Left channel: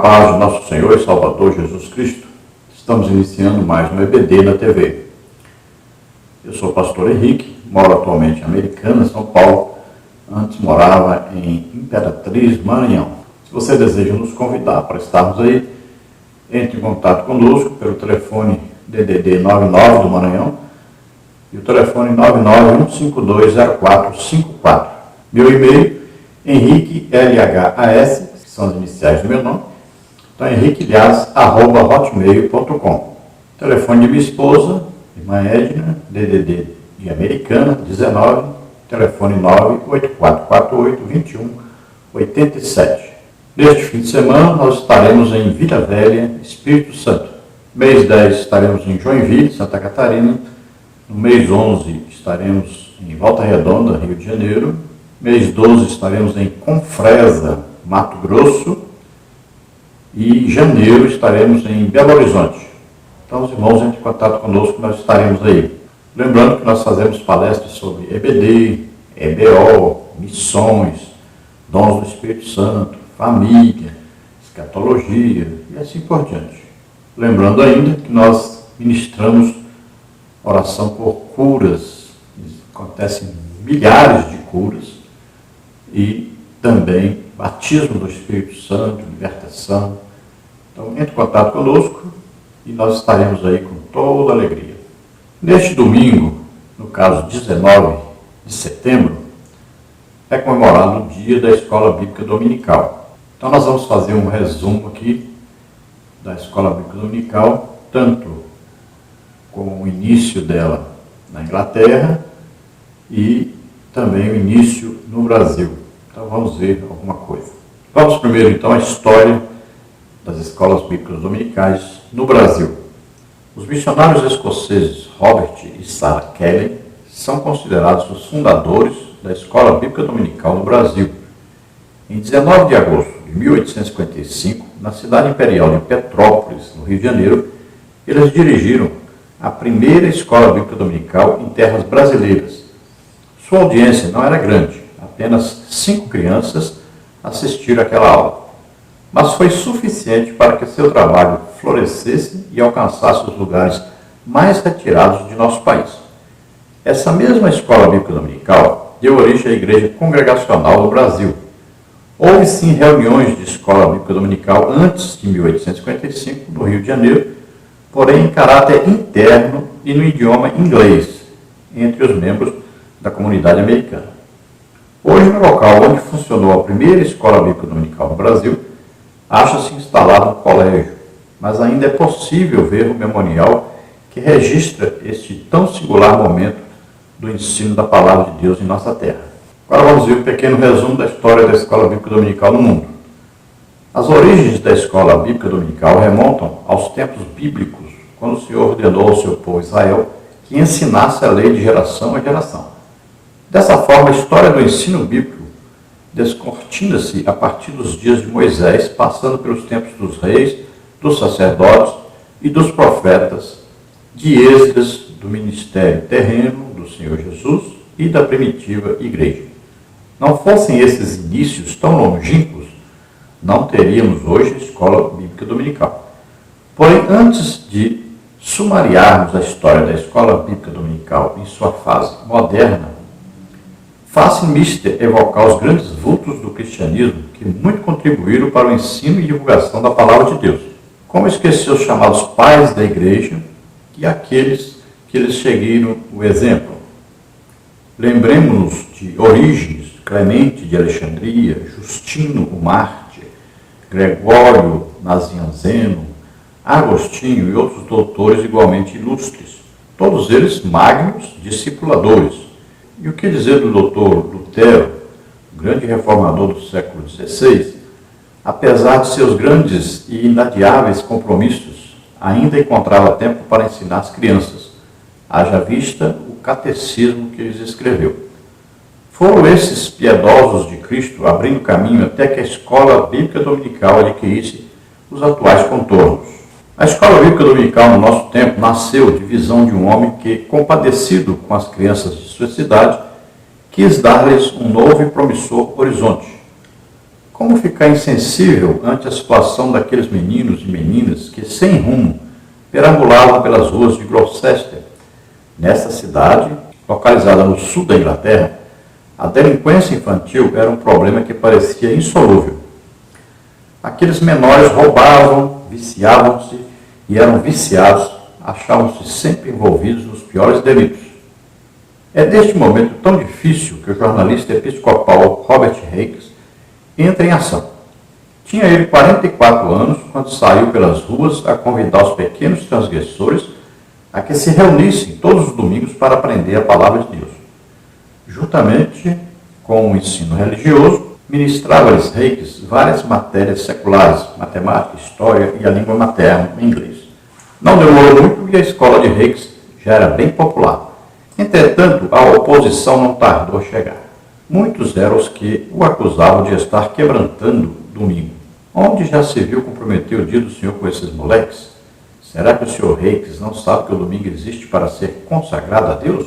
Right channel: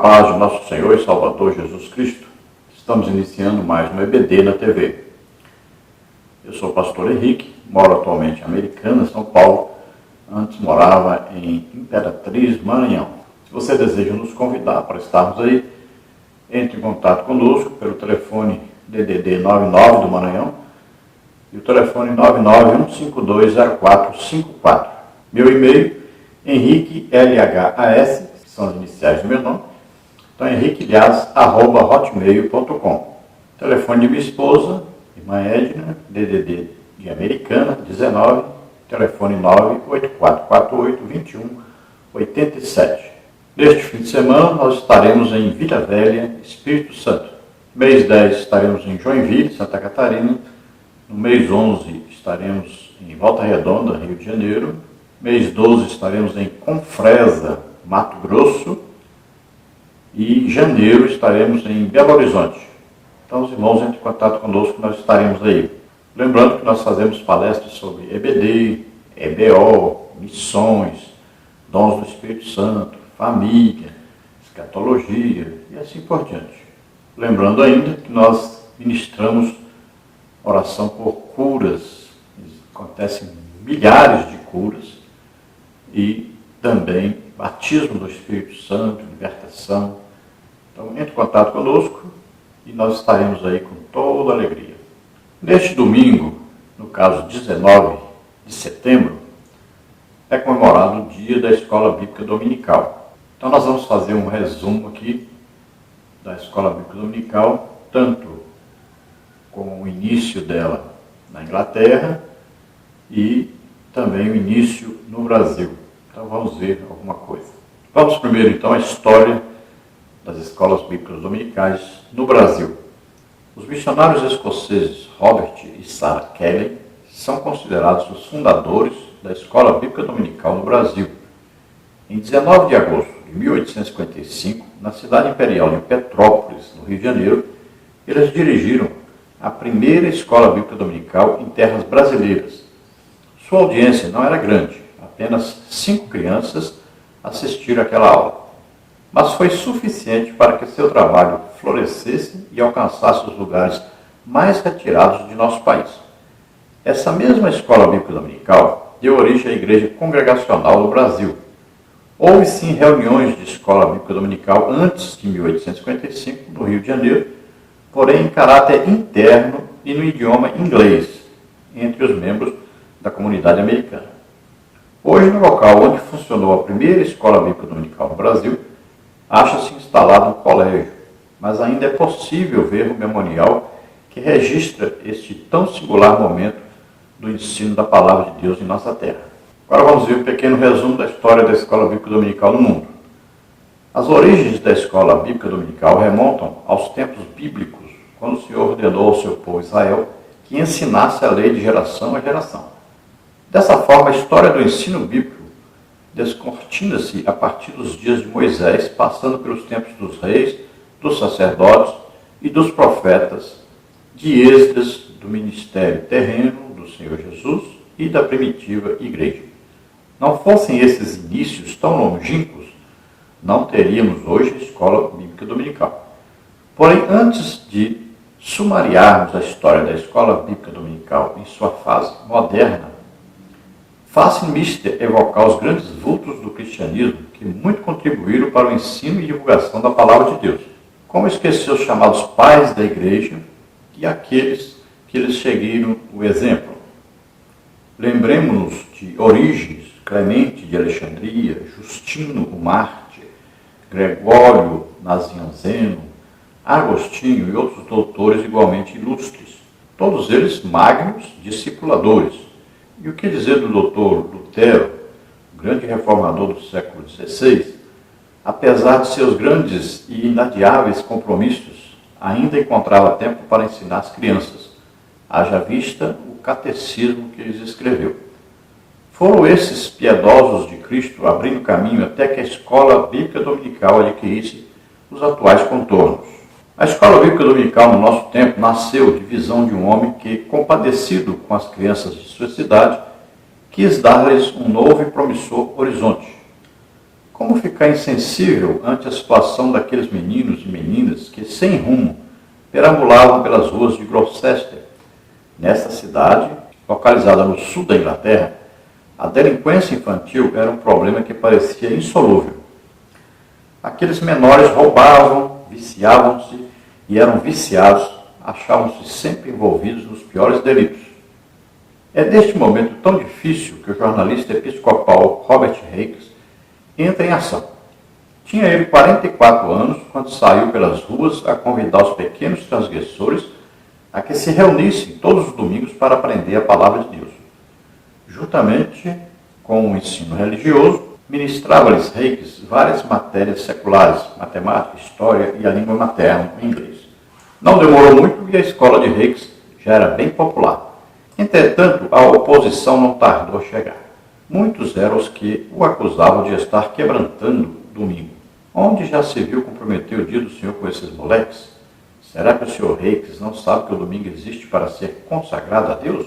paz de nosso Senhor e Salvador Jesus Cristo, estamos iniciando mais um EBD na TV. Eu sou o pastor Henrique, moro atualmente em Americana, São Paulo. Antes morava em Imperatriz, Maranhão. Se você deseja nos convidar para estarmos aí, entre em contato conosco pelo telefone DDD 99 do Maranhão e o telefone 991520454. Meu e-mail, Henrique LHAS, que são as iniciais do meu nome, então henriquelhas@hotmail.com. Telefone de minha esposa, irmã Edna, DDD de Americana, 19, telefone 98448-2187. Neste fim de semana, nós estaremos em Vila Velha, Espírito Santo. Mês 10 estaremos em Joinville, Santa Catarina. No mês 11 estaremos em Volta Redonda, Rio de Janeiro. Mês 12 estaremos em Confresa, Mato Grosso. E em janeiro estaremos em Belo Horizonte. Então, os irmãos, entrem em contato conosco, nós estaremos aí. Lembrando que nós fazemos palestras sobre EBD, EBO, missões, dons do Espírito Santo, família, escatologia e assim por diante. Lembrando ainda que nós ministramos oração por curas, acontecem milhares de curas, e também batismo do Espírito Santo, libertação. Então, entre em contato conosco e nós estaremos aí com toda alegria. Neste domingo, no caso 19 de setembro, é comemorado o dia da Escola Bíblica Dominical. Então nós vamos fazer um resumo aqui da Escola Bíblica Dominical, tanto com o início dela na Inglaterra e também o início no Brasil. Então vamos ver alguma coisa. Vamos primeiro então à história das escolas bíblicas dominicais no Brasil. Os missionários escoceses Robert e Sarah Kelly são considerados os fundadores da Escola Bíblica Dominical no Brasil. Em 19 de agosto de 1855, na cidade imperial de Petrópolis, no Rio de Janeiro, eles dirigiram a primeira Escola Bíblica Dominical em terras brasileiras. Sua audiência não era grande, apenas 5 crianças assistiram àquela aula, mas foi suficiente para que seu trabalho florescesse e alcançasse os lugares mais retirados de nosso país. Essa mesma Escola Bíblica Dominical deu origem à Igreja Congregacional do Brasil. Houve sim reuniões de Escola Bíblica Dominical antes de 1855, no Rio de Janeiro, porém em caráter interno e no idioma inglês, entre os membros da comunidade americana. Hoje, no local onde funcionou a primeira Escola Bíblica Dominical no Brasil, acha-se instalado um colégio, mas ainda é possível ver o memorial que registra este tão singular momento do ensino da Palavra de Deus em nossa terra. Agora vamos ver um pequeno resumo da história da Escola Bíblica Dominical no mundo. As origens da Escola Bíblica Dominical remontam aos tempos bíblicos, quando o Senhor ordenou ao seu povo Israel que ensinasse a lei de geração a geração. Dessa forma, a história do ensino bíblico descortina-se a partir dos dias de Moisés, passando pelos tempos dos reis, dos sacerdotes e dos profetas, de Esdras, do ministério terreno do Senhor Jesus e da primitiva igreja. Não fossem esses inícios tão longínquos, não teríamos hoje a Escola Bíblica Dominical. Porém, antes de sumariarmos a história da Escola Bíblica Dominical em sua fase moderna, faça-me evocar os grandes vultos do cristianismo que muito contribuíram para o ensino e divulgação da Palavra de Deus. Como esquecer os chamados pais da igreja e aqueles que lhes seguiram o exemplo? Lembremos-nos de Orígenes, Clemente de Alexandria, Justino o Mártir, Gregório Nazianzeno, Agostinho e outros doutores igualmente ilustres, todos eles magnos discipuladores. E o que dizer do doutor Lutero, grande reformador do século XVI? Apesar de seus grandes e inadiáveis compromissos, ainda encontrava tempo para ensinar as crianças, haja vista o catecismo que lhes escreveu. Foram esses piedosos de Cristo abrindo caminho até que a Escola Bíblica Dominical adquirisse os atuais contornos. A Escola Bíblica Dominical, no nosso tempo, nasceu de visão de um homem que, compadecido com as crianças de sua cidade, quis dar-lhes um novo e promissor horizonte. Como ficar insensível ante a situação daqueles meninos e meninas que, sem rumo, perambulavam pelas ruas de Gloucester? Nessa cidade, localizada no sul da Inglaterra, a delinquência infantil era um problema que parecia insolúvel. Aqueles menores roubavam, viciavam-se e eram viciados, achavam-se sempre envolvidos nos piores delitos. É neste momento tão difícil que o jornalista episcopal Robert Hakes entra em ação. Tinha ele 44 anos quando saiu pelas ruas a convidar os pequenos transgressores a que se reunissem todos os domingos para aprender a palavra de Deus. Juntamente com o ensino religioso, ministrava-lhes Hakes várias matérias seculares, matemática, história e a língua materna, em inglês. Não demorou muito e a escola de Hakes já era bem popular. Entretanto, a oposição não tardou a chegar. Muitos eram os que o acusavam de estar quebrantando domingo. Onde já se viu comprometer o dia do Senhor com esses moleques? Será que o Sr. Hakes não sabe que o domingo existe para ser consagrado a Deus?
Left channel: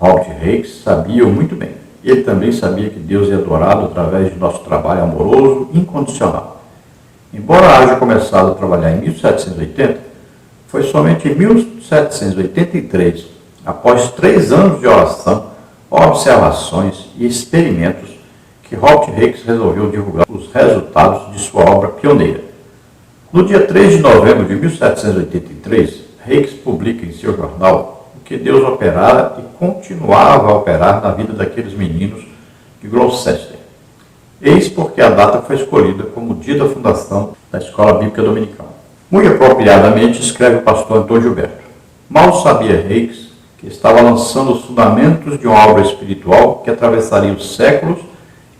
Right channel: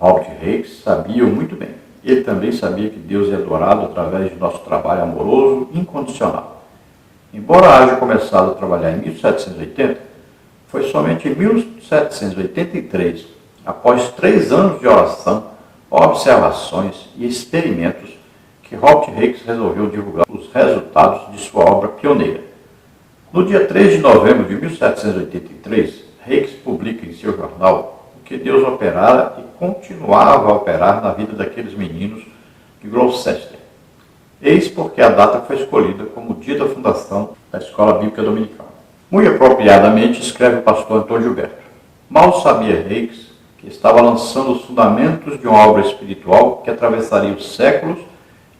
Robert Hakes sabia muito bem. Ele também sabia que Deus é adorado através de nosso trabalho amoroso e incondicional. Embora haja começado a trabalhar em 1780, foi somente em 1783, após 3 anos de oração, observações e experimentos, que Robert Hakes resolveu divulgar os resultados de sua obra pioneira. No dia 3 de novembro de 1783, Hakes publica em seu jornal o que Deus operara e continuava a operar na vida daqueles meninos de Gloucester. Eis porque a data foi escolhida como o dia da fundação da Escola Bíblica Dominical. Muito apropriadamente escreve o pastor Antônio Gilberto. Mal sabia Hakes que estava lançando os fundamentos de uma obra espiritual que atravessaria os séculos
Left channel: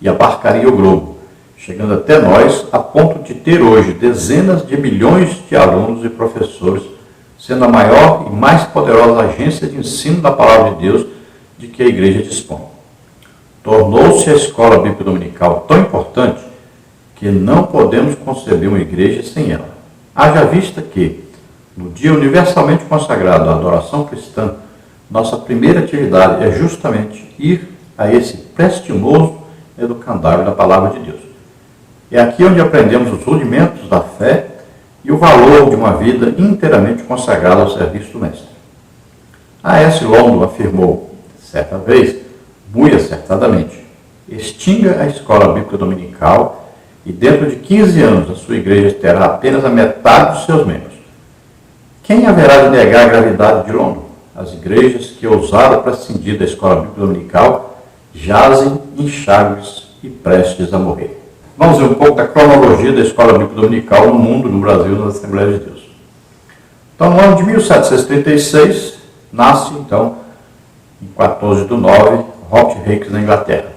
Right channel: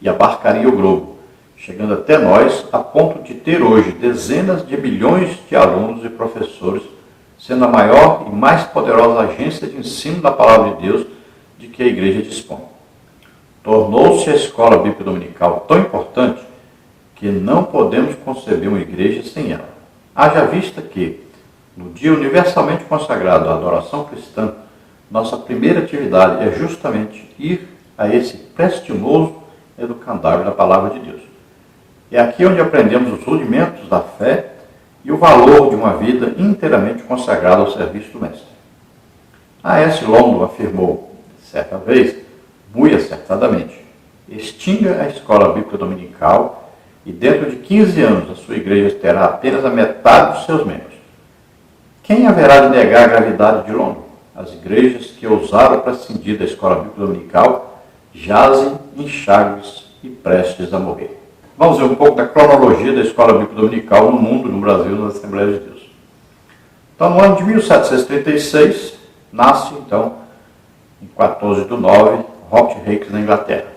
e abarcaria o globo, chegando até nós a ponto de ter hoje dezenas de milhões de alunos e professores, sendo a maior e mais poderosa agência de ensino da Palavra de Deus de que a Igreja dispõe. Tornou-se a Escola Bíblica Dominical tão importante que não podemos conceber uma igreja sem ela. Haja vista que, no dia universalmente consagrado à adoração cristã, nossa primeira atividade é justamente ir a esse prestimoso educandário da Palavra de Deus. É aqui onde aprendemos os rudimentos da fé e o valor de uma vida inteiramente consagrada ao serviço do Mestre. A S. Longman afirmou, certa vez, muito acertadamente, extinga a Escola Bíblica Dominical e dentro de 15 anos a sua igreja terá apenas a metade dos seus membros. Quem haverá de negar a gravidade de Longman? As igrejas que ousaram prescindir da Escola Bíblica Dominical jazem inchados e prestes a morrer. Vamos ver um pouco da cronologia da Escola Bíblica Dominical no mundo, no Brasil, nas Assembleias de Deus. Então, no ano de 1736, nasce, então, em 14 de 9, Robert Hakes, na Inglaterra.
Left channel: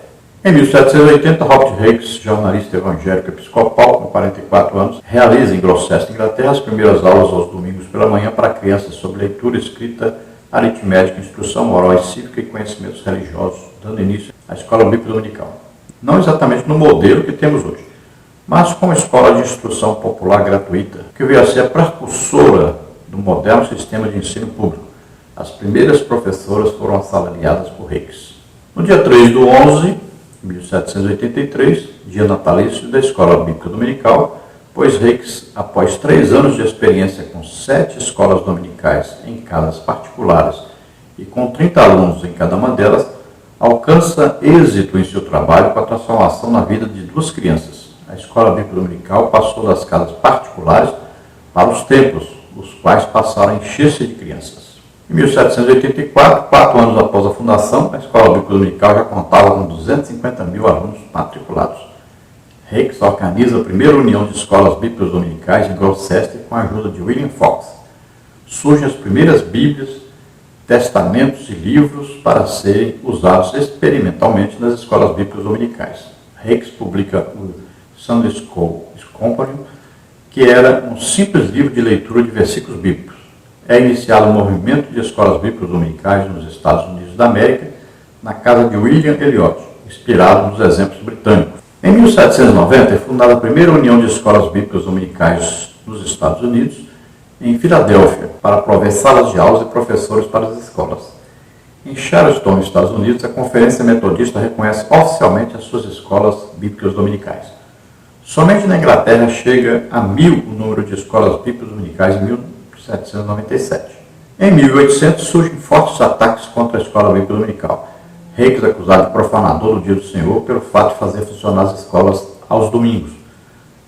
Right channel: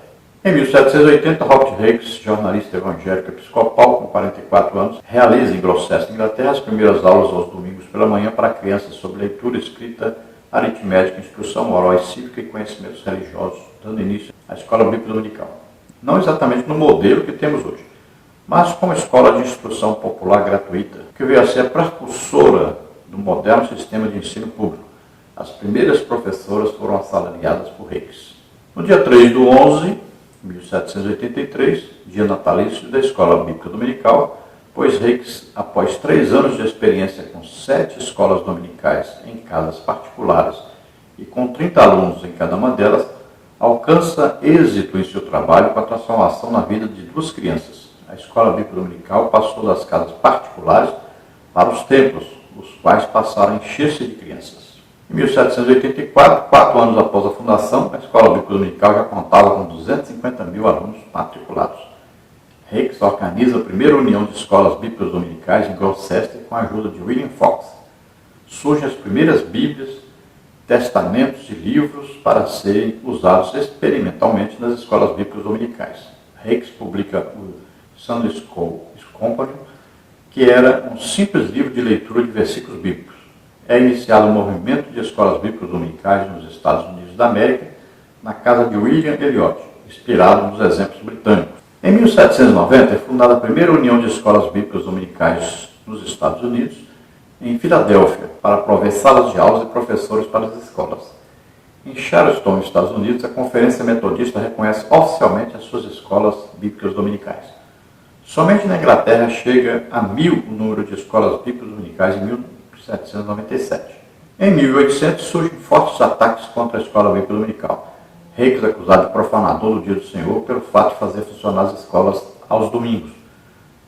Em 1780, Robert Hakes, jornalista evangélico episcopal, com 44 anos, realiza em Gloucester, Inglaterra, as primeiras aulas aos domingos pela manhã para crianças sobre leitura, escrita, aritmética, instrução moral e cívica e conhecimentos religiosos, dando início à Escola Bíblica Dominical. Não exatamente no modelo que temos hoje, mas como escola de instrução popular gratuita, que veio a ser a precursora do moderno sistema de ensino público. As primeiras professoras foram assalariadas por Hakes. No dia 3 de 11 de 1783, dia natalício da Escola Bíblica Dominical, pois Hakes, após 3 anos de experiência com 7 escolas dominicais em casas particulares e com 30 alunos em cada uma delas, alcança êxito em seu trabalho com a transformação na vida de 2 crianças. A Escola Bíblica Dominical passou das casas particulares para os templos, os quais passaram a encher-se de crianças. Em 1784, 4 anos após a fundação, a Escola Bíblica Dominical já contava com 250 mil alunos matriculados. Hakes organiza a primeira união de escolas bíblicas dominicais em Gloucester com a ajuda de William Fox. Surgem as primeiras Bíblias, testamentos e livros para serem usados experimentalmente nas escolas bíblicas dominicais. Hakes publica o Sunday School Companion, que era um simples livro de leitura de versículos bíblicos. É iniciado um movimento de escolas bíblicas dominicais nos Estados Unidos da América, na casa de William Elliot, inspirado nos exemplos britânicos. Em 1790 é fundada a primeira união de escolas bíblicas dominicais nos Estados Unidos, em Filadélfia, para prover salas de aulas e professores para as escolas. Em Charleston, Estados Unidos, a Conferência Metodista reconhece oficialmente as suas escolas bíblicas dominicais. Somente na Inglaterra chega a 1.000 o número de escolas bíblicas dominicais em 1797. Em 1800 surgem fortes ataques contra a escola bíblica dominical. Reis acusado de profanador do dia do Senhor pelo fato de fazer funcionar as escolas aos domingos.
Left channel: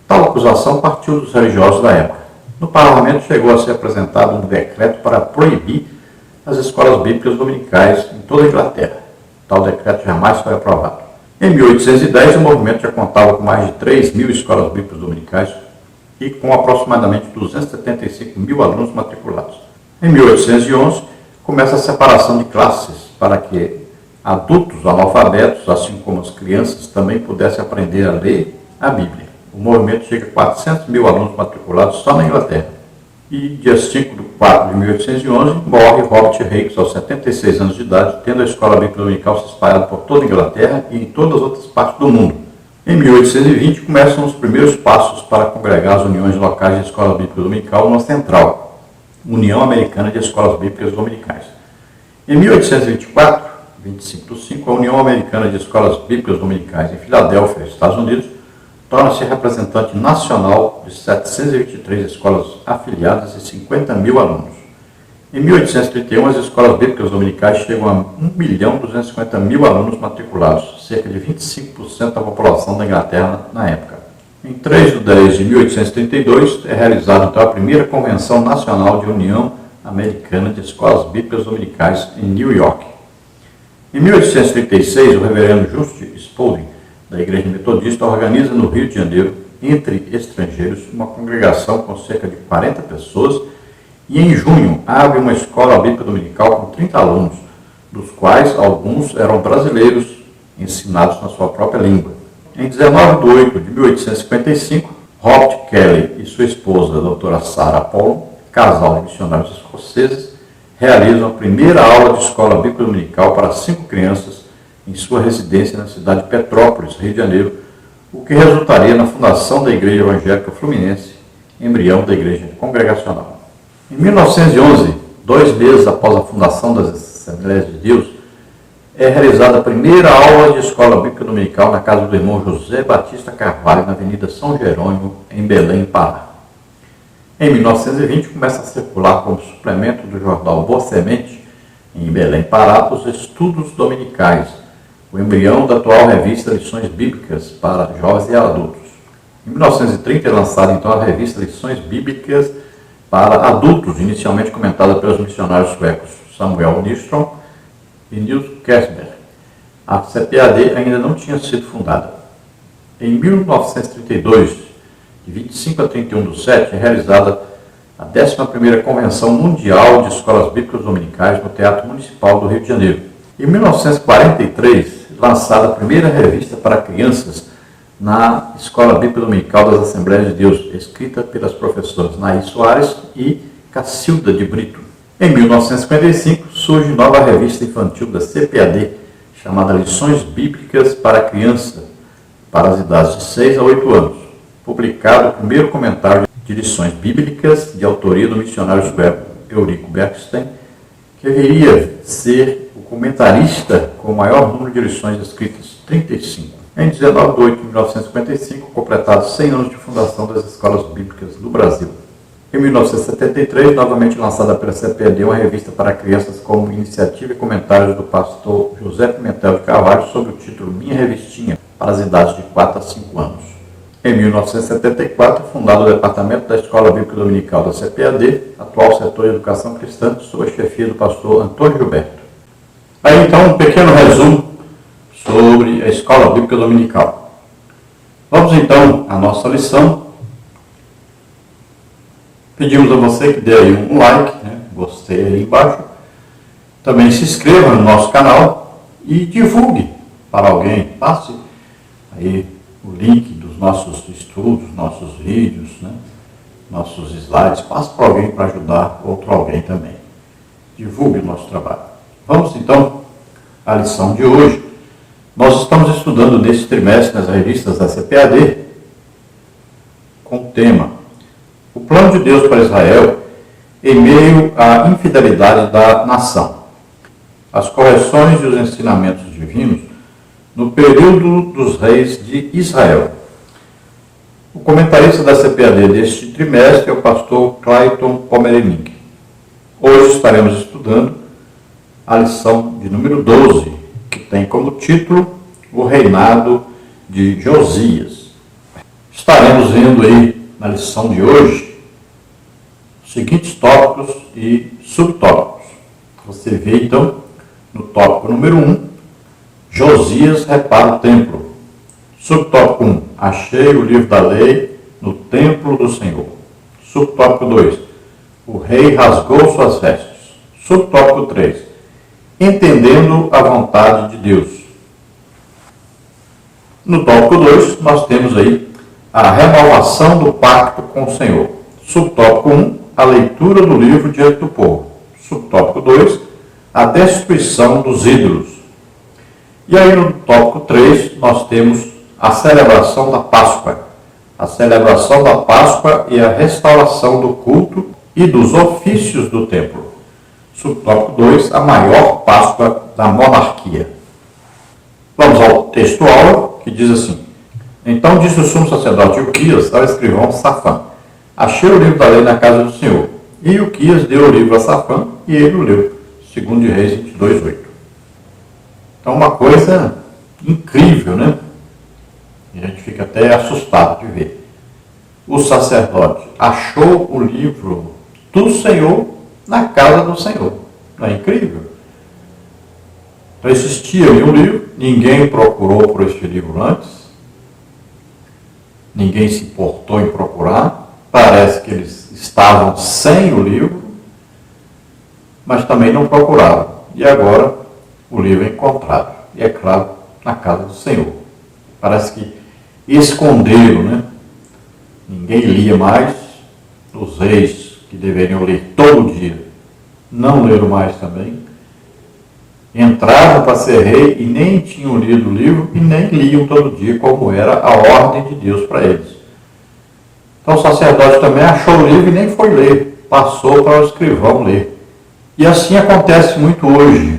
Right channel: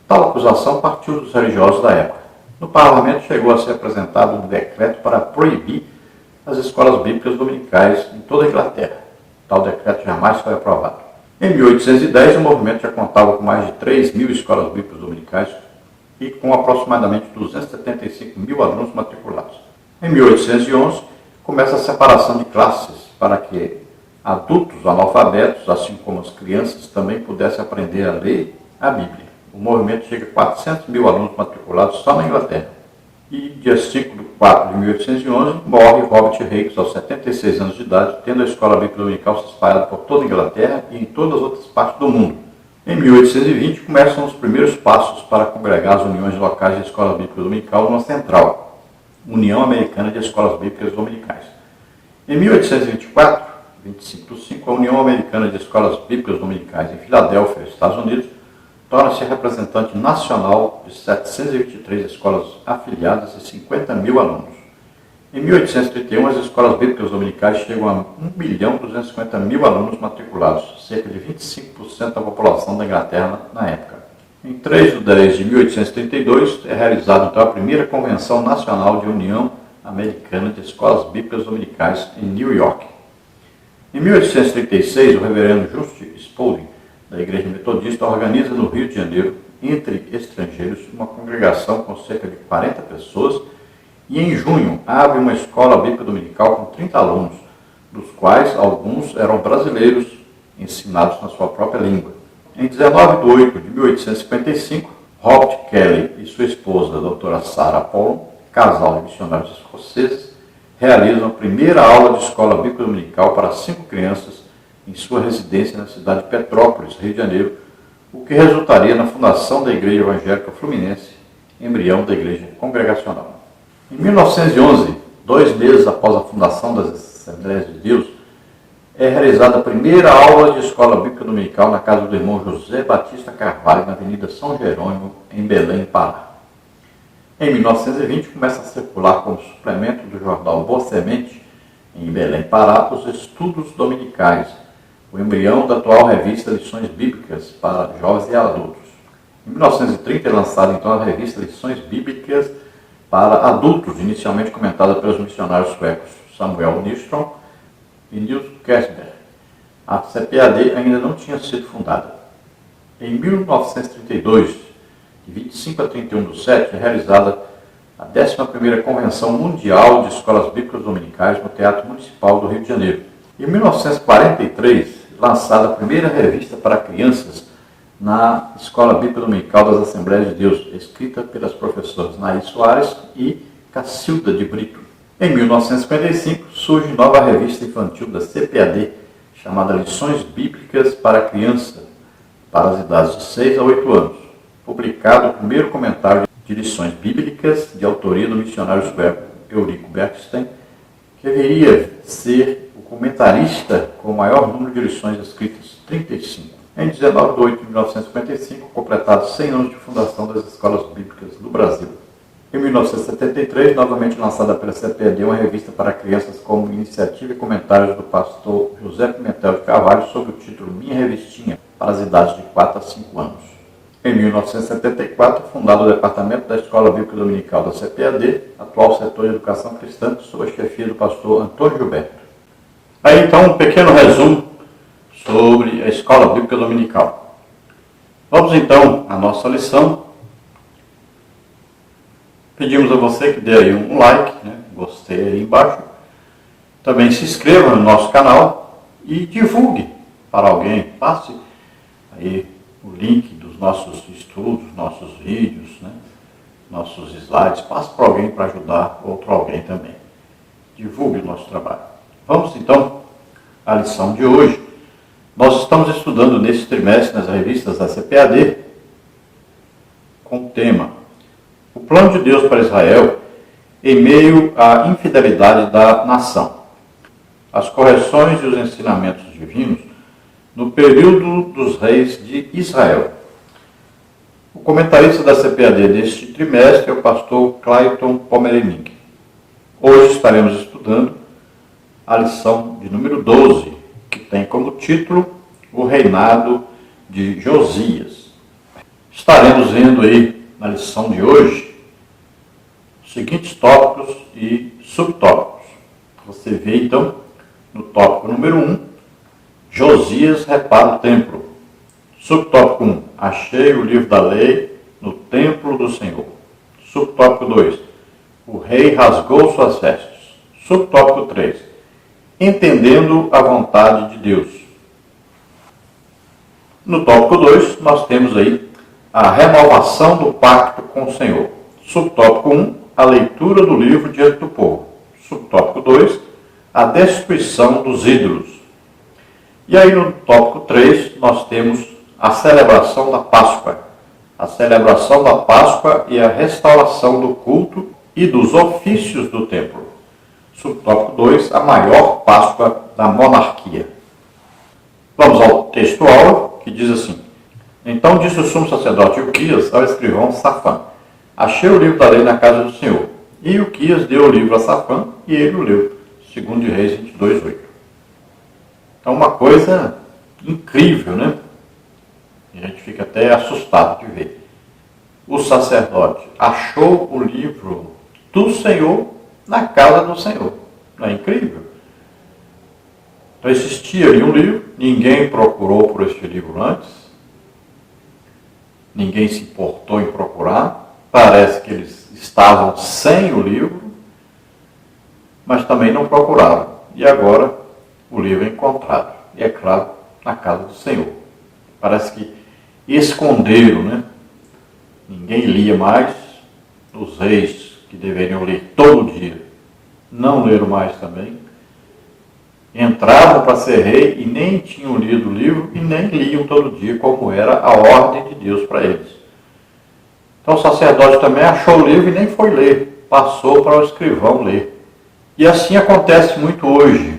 Tal acusação partiu dos religiosos da época. No parlamento chegou a ser apresentado um decreto para proibir as escolas bíblicas dominicais em toda a Inglaterra. Tal decreto jamais foi aprovado. Em 1810, o movimento já contava com mais de 3.000 escolas bíblicas dominicais e com aproximadamente 275.000 alunos matriculados. Em 1811, começa a separação de classes para que adultos analfabetos, assim como as crianças, também pudessem aprender a ler a Bíblia. O movimento chega a 400.000 alunos matriculados só na Inglaterra. E, dia 5 de 4 de 1811, morre Robert Hicks, aos 76 anos de idade, tendo a escola bíblica dominical se espalhado por toda a Inglaterra e em todas as outras partes do mundo. Em 1820, começam os primeiros passos para congregar as uniões locais de escola bíblica dominical numa central, União Americana de Escolas Bíblicas Dominicais. Em 1824, 25/5, a União Americana de Escolas Bíblicas Dominicais em Filadélfia, Estados Unidos, torna-se representante nacional de 723 escolas afiliadas e 50.000 alunos. Em 1831, as escolas bíblicas dominicais chegam a 1.250.000 alunos matriculados, cerca de 25% da população da Inglaterra na época. Em 3 de 10 de 1832, é realizada então a primeira Convenção Nacional de União Americana de Escolas Bíblicas Dominicais em New York. Em 1836, o reverendo Just Spalding, da Igreja Metodista, organiza no Rio de Janeiro, entre estrangeiros, uma congregação com cerca de 40 pessoas e, em junho, abre uma escola bíblica dominical com 30 alunos, dos quais alguns eram brasileiros, ensinados na sua própria língua. Em 19 de 8 de 1855, Robert Kelly e sua esposa, a doutora Sarah Paul, casal de missionários escoceses, realizam a primeira aula de escola bíblica dominical para 5 crianças em sua residência na cidade de Petrópolis, Rio de Janeiro, o que resultaria na fundação da Igreja Evangélica Fluminense, embrião da Igreja Congregacional. Em 1911, 2 meses após a fundação das Assembleias de Deus, é realizada a primeira aula de escola bíblica dominical na casa do irmão José Batista Carvalho, na Avenida São Jerônimo, em Belém, Pará. Em 1920, começa a circular como suplemento do jornal Boa Semente, em Belém, Pará, os Estudos Dominicais, o embrião da atual revista Lições Bíblicas para Jovens e Adultos. Em 1930 é lançada então a revista Lições Bíblicas para Adultos, inicialmente comentada pelos missionários suecos Samuel Nyström e Nils Kessberg. A CPAD ainda não tinha sido fundada. Em 1932, de 25 a 31/7, é realizada a 11ª Convenção Mundial de Escolas Bíblicas Dominicais no Teatro Municipal do Rio de Janeiro. Em 1943, lançada a primeira revista para crianças na Escola Bíblica Dominical das Assembleias de Deus, escrita pelas professoras Naí Soares e Cacilda de Brito. Em 1955, surge nova revista infantil da CPAD, chamada Lições Bíblicas para Criança, para as idades de 6 a 8 anos. Publicado o primeiro comentário de lições bíblicas de autoria do missionário sueco Eurico Bergsten, que viria ser o comentarista com o maior número de lições escritas, 35. Em 19 de 8 de 1955, completados 100 anos de fundação das escolas bíblicas do Brasil. Em 1973, novamente lançada pela CPAD, uma revista para crianças como iniciativa e comentários do pastor José Pimentel de Carvalho sob o título Minha Revistinha, para as idades de 4 a 5 anos. Em 1974, fundado o Departamento da Escola Bíblica Dominical da CPAD, atual setor de educação cristã, sob a chefia do pastor Antônio Gilberto. Aí então um pequeno resumo sobre a Escola Bíblica Dominical. Vamos então à nossa lição. Pedimos a você que dê aí um like, gostei aí embaixo. Também se inscreva no nosso canal e divulgue para alguém. Passe aí o link dos nossos estudos, nossos vídeos, nossos slides. Passe para alguém para ajudar outro alguém também. Divulgue o nosso trabalho. Vamos então à lição de hoje. Nós estamos estudando neste trimestre nas revistas da CPAD com o tema O Plano de Deus para Israel em meio à infidelidade da nação. as correções e os ensinamentos divinos no período dos reis de Israel. O comentarista da CPAD deste trimestre é o pastor Clayton Pomeranic. Hoje estaremos estudando a lição de número 12, que tem como título o reinado de Josias. Estaremos vendo aí na lição de hoje os seguintes tópicos e subtópicos. Você vê então no tópico número 1, Josias repara o templo. Subtópico 1, achei o livro da lei no templo do Senhor. Subtópico 2, o rei rasgou suas vestes. Subtópico 3, entendendo a vontade de Deus. No tópico 2, nós temos aí a renovação do pacto com o Senhor. Subtópico 1, a leitura do livro diante do povo. Subtópico 2, a destruição dos ídolos. E aí no tópico 3, nós temos a celebração da Páscoa. A celebração da Páscoa e a restauração do culto e dos ofícios do templo. Subtópico 2, a maior Páscoa da monarquia. Vamos ao texto-aula, que diz assim: Então disse o sumo sacerdote Ilquias ao escrivão Safã: Achei o livro da lei na casa do Senhor. E Ilquias deu o livro a Safã, e ele o leu. Segundo de Reis 22:8. Então, uma coisa incrível, né? E a gente fica até assustado de ver. O sacerdote achou o livro do Senhor na casa do Senhor. Não é incrível? Então, existia ali um livro, ninguém procurou por este livro antes, ninguém se importou em procurar, parece que eles estavam sem o livro, mas também não procuraram. E agora o livro é encontrado. E é claro, na casa do Senhor. Parece que esconderam, né? Ninguém lia mais. Os reis que deveriam ler todo dia não leram mais também. Entravam para ser rei e nem tinham lido o livro e nem liam todo dia, como era a ordem de Deus para eles. Então o sacerdote também achou o livro e nem foi ler. Passou para o escrivão ler. E assim acontece muito hoje.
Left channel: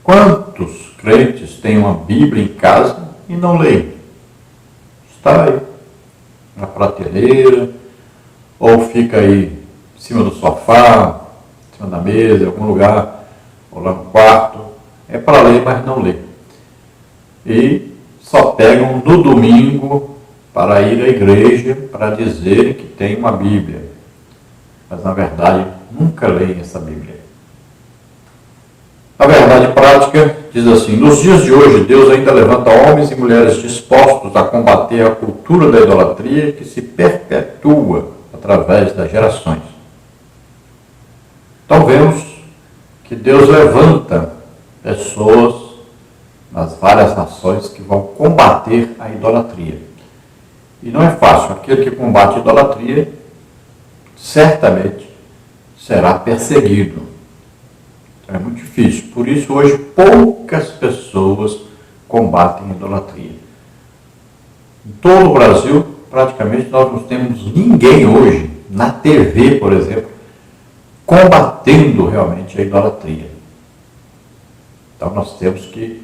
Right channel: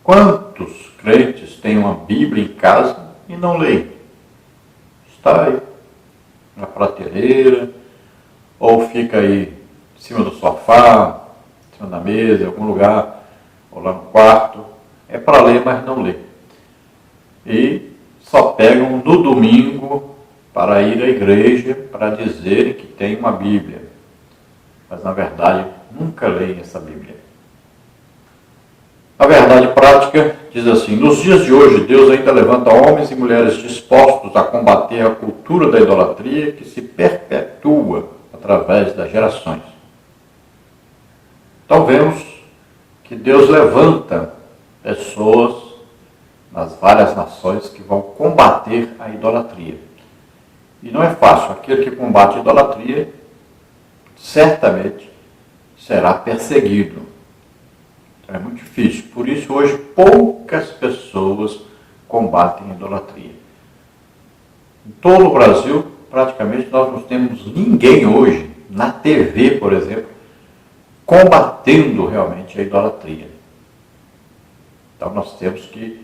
Quantos crentes têm uma Bíblia em casa e não leem? Está aí, na prateleira, ou fica aí em cima do sofá, em cima da mesa, em algum lugar, ou lá no quarto. É para ler, mas não lê. E só pegam no domingo para ir à igreja para dizerem que tem uma Bíblia. Mas, na verdade, nunca leem essa Bíblia. A verdade prática diz assim: nos dias de hoje, Deus ainda levanta homens e mulheres dispostos a combater a cultura da idolatria que se perpetua através das gerações. Então vemos que Deus levanta pessoas nas várias nações que vão combater a idolatria. E não é fácil. Aquele que combate a idolatria certamente será perseguido. É muito difícil. Por isso, hoje, poucas pessoas combatem a idolatria. Em todo o Brasil, praticamente, nós não temos ninguém hoje, na TV, por exemplo, combatendo realmente a idolatria. Então, nós temos que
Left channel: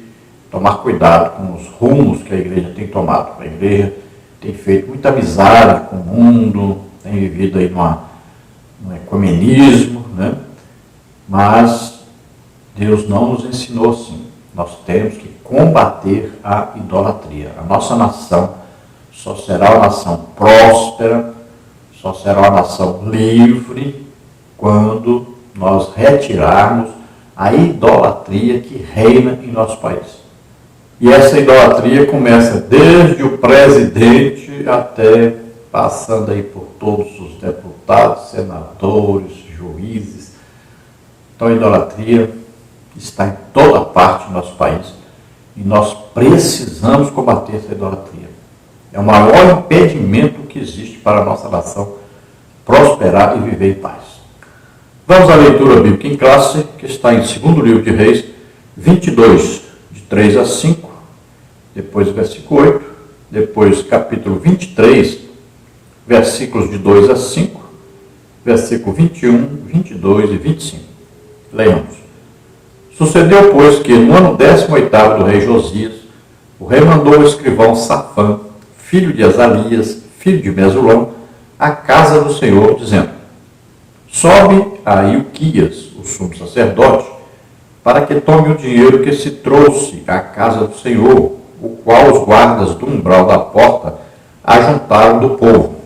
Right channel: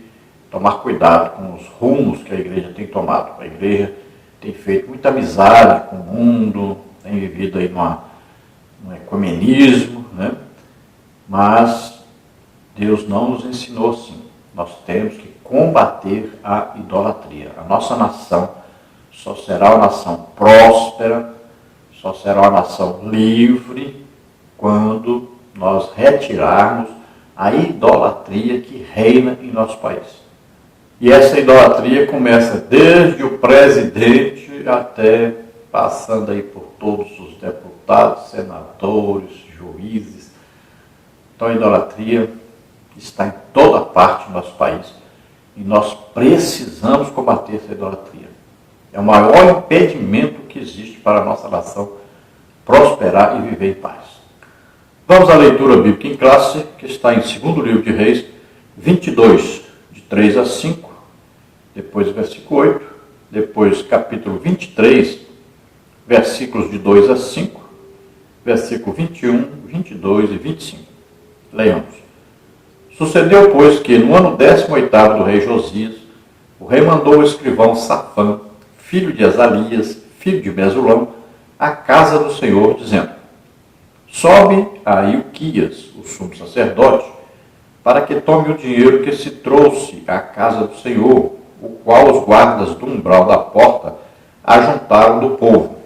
tomar cuidado com os rumos que a igreja tem tomado. A igreja tem feito muita amizade com o mundo, tem vivido aí num ecumenismo, né? Mas Deus não nos ensinou assim. Nós temos que combater a idolatria. A nossa nação só será uma nação próspera, só será uma nação livre, quando nós retirarmos a idolatria que reina em nosso país. E essa idolatria começa desde o presidente até passando aí por todos os deputados, senadores, juízes. Então a idolatria está em toda parte do nosso país e nós precisamos combater essa idolatria. É o maior impedimento que existe para a nossa nação prosperar e viver em paz. Vamos à leitura bíblica em classe, que está em 2º livro de Reis, 22, de 3 a 5, depois versículo 8, depois capítulo 23, versículos de 2 a 5, versículo 21, 22 e 25. Leiamos. Sucedeu, pois, que no ano 18º do rei Josias, o rei mandou o escrivão Safã, filho de Azalias, filho de Mesulão, à casa do Senhor, dizendo: sobe a Ilquias, o sumo sacerdote, para que tome o dinheiro que se trouxe à casa do Senhor, o qual os guardas do umbral da porta ajuntaram do povo,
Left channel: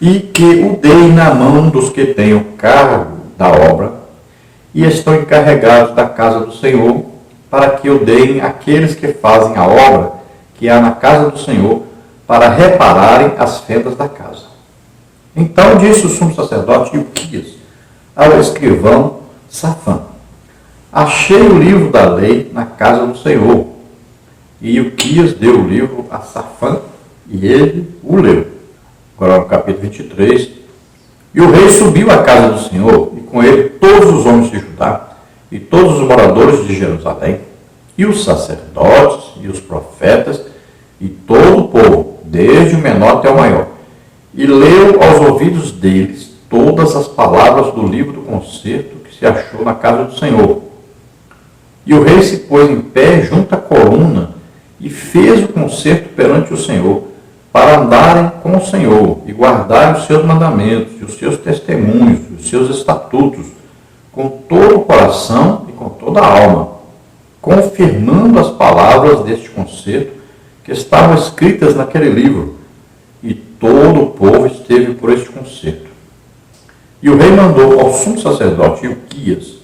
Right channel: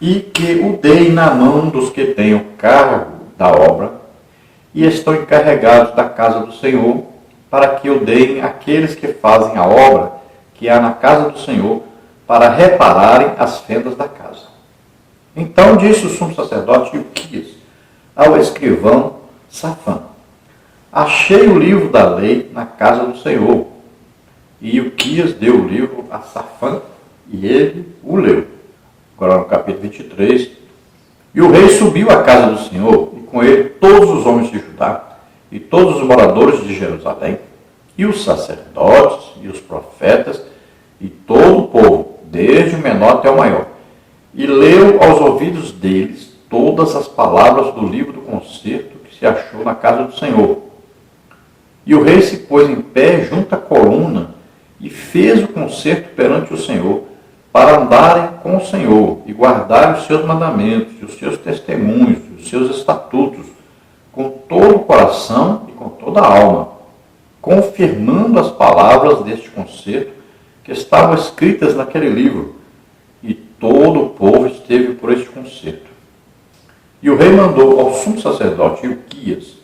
e que o deem na mão dos que tenham cargo da obra e estão encarregados da casa do Senhor, para que o deem àqueles que fazem a obra que há na casa do Senhor, para repararem as fendas da casa. Então disse o sumo sacerdote Ilquias ao escrivão Safã: achei o livro da lei na casa do Senhor. E Ilquias deu o livro a Safã, e ele o leu. Agora no capítulo 23. E o rei subiu à casa do Senhor, e com ele todos os homens de Judá, e todos os moradores de Jerusalém, e os sacerdotes, e os profetas, e todo o povo, desde o menor até o maior. E leu aos ouvidos deles todas as palavras do livro do concerto que se achou na casa do Senhor. E o rei se pôs em pé junto à coluna, e fez o concerto perante o Senhor, para andarem com o Senhor, e guardarem os seus mandamentos, e os seus testemunhos, e os seus estatutos, com todo o coração e com toda a alma, confirmando as palavras deste concerto que estavam escritas naquele livro. E todo o povo esteve por este concerto. E o rei mandou ao sumo sacerdote Ilquias,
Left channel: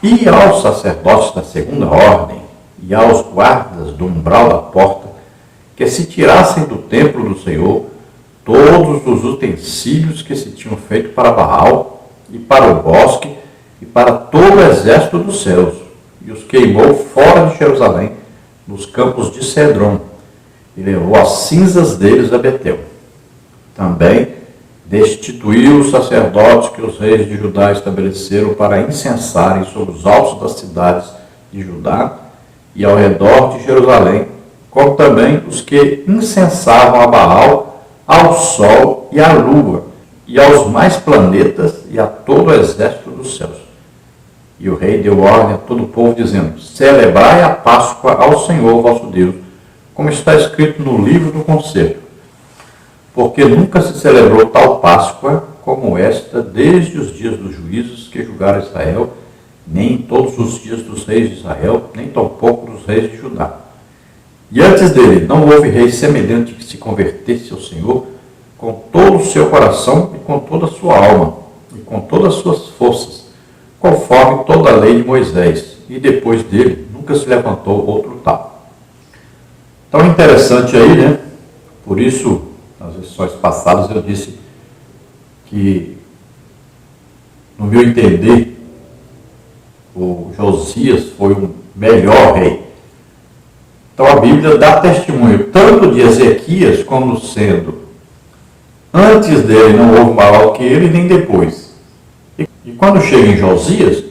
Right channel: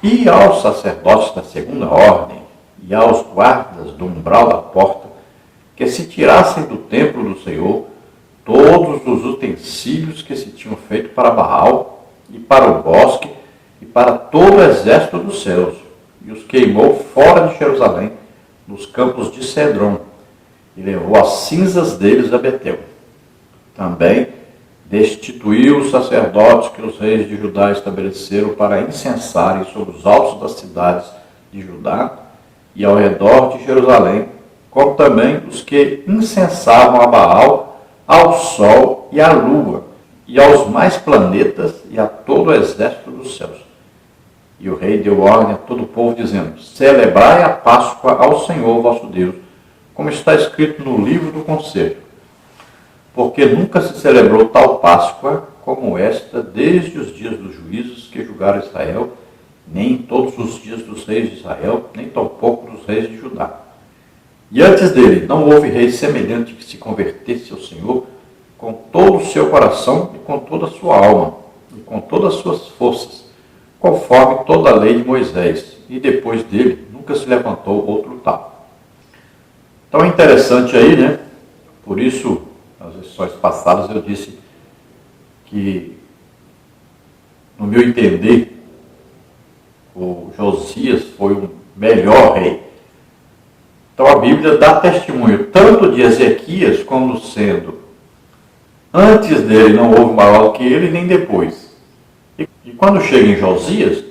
e aos sacerdotes da segunda ordem, e aos guardas do umbral da porta, que se tirassem do templo do Senhor todos os utensílios que se tinham feito para Baal, e para o bosque, e para todo o exército dos céus, e os queimou fora de Jerusalém, nos campos de Cedron, e levou as cinzas deles a Betel. Também destituiu os sacerdotes que os reis de Judá estabeleceram para incensarem sobre os altos das cidades de Judá e ao redor de Jerusalém, como também os que incensavam a Baal, ao sol e à lua, e aos mais planetas e a todo o exército dos céus. E o rei deu ordem a todo o povo, dizendo: celebrai a Páscoa ao Senhor vosso Deus, como está escrito no livro do concerto. Porque nunca se celebrou tal Páscoa como esta desde os dias dos juízes que julgaram Israel, nem em todos os dias dos reis de Israel, nem tampouco dos reis de Judá. E antes dele não houve rei semelhante que se convertesse ao Senhor com todo o seu coração e com toda a sua alma e com todas as suas forças, conforme toda a lei de Moisés, e depois dele nunca se levantou outro tal. Então é interessante aí, né? Por isso, nas lições passadas eu disse que, no meu entender, o Josias foi o melhor rei. Então a Bíblia dá testemunho tanto de Ezequias como sendo: antes dele não houve maior que ele, nem depois. E quando chega em Josias,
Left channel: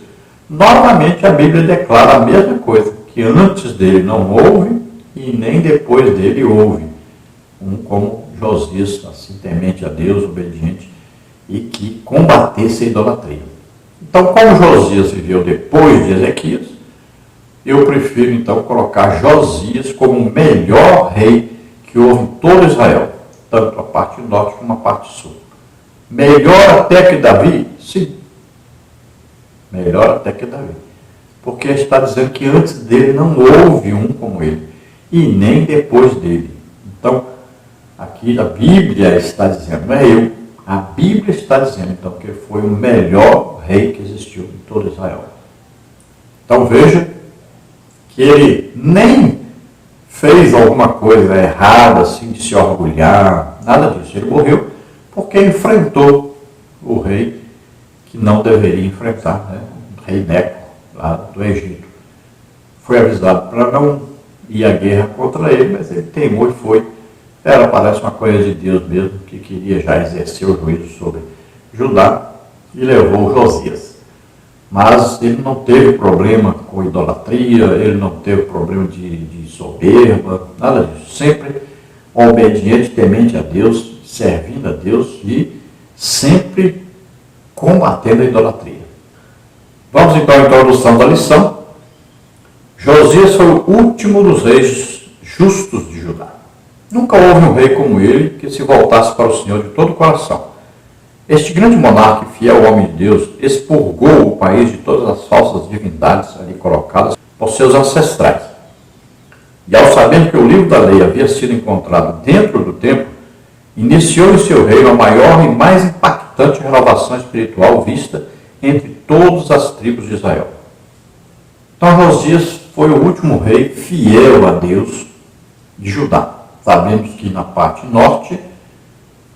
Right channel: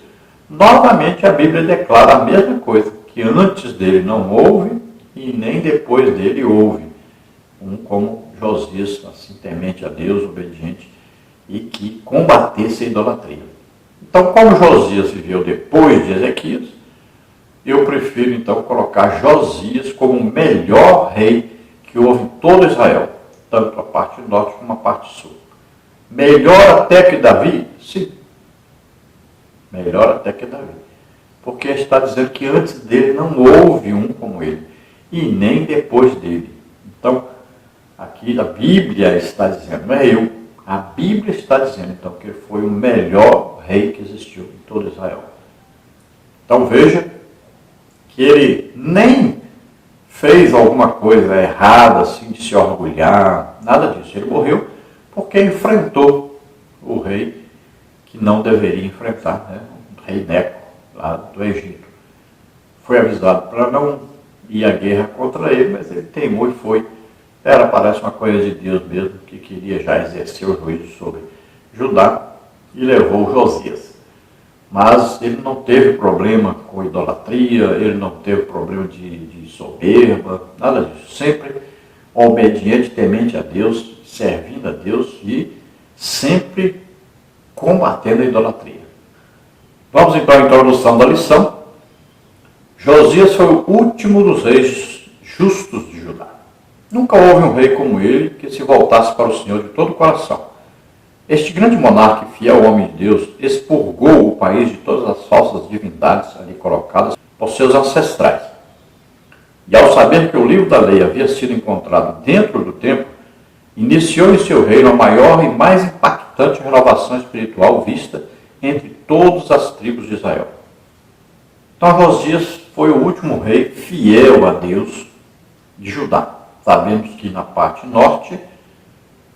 novamente a Bíblia declara a mesma coisa, que antes dele não houve e nem depois dele houve. Como Josias, assim temente a Deus, obediente, e que combatesse a idolatria. Então, como Josias viveu depois de Ezequias, eu prefiro então colocar Josias como o melhor rei que houve em todo Israel, tanto a parte norte como a parte sul. Melhor até que Davi? Sim. Melhor até que Davi. Porque está dizendo que antes dele não houve um como ele, e nem depois dele. Então, aqui a Bíblia está dizendo, não é eu, a Bíblia está dizendo então que ele foi o melhor rei que existiu em todo Israel. Então veja que ele nem fez alguma coisa errada, assim, de se orgulhar, nada disso. Ele morreu porque enfrentou o rei que não deveria enfrentar, né? O rei Neco, lá do Egito. Foi avisado para não ir à guerra contra ele, mas ele teimou e foi. Parece uma coisa de Deus mesmo, que queria já exercer o juízo sobre Judá e levou Josias. Mas ele não teve problema com idolatria, ele não teve problema de soberba, nada disso. Sempre obediente, temente a Deus, servindo a Deus e sempre combatendo a idolatria. Vamos então à introdução da lição. Josias foi o último dos reis justos de Judá. Nunca houve um rei como ele que se voltasse para o Senhor de todo o coração. Este grande monarca e fiel homem de Deus expurgou o país de todas as falsas divindades ali colocadas por seus ancestrais. E ao saber que o livro da lei havia sido encontrado dentro do templo, iniciou em seu reino a maior e mais impactante renovação espiritual vista entre todas as tribos de Israel. Então Josias foi o último rei fiel a Deus de Judá. Sabemos que na parte norte,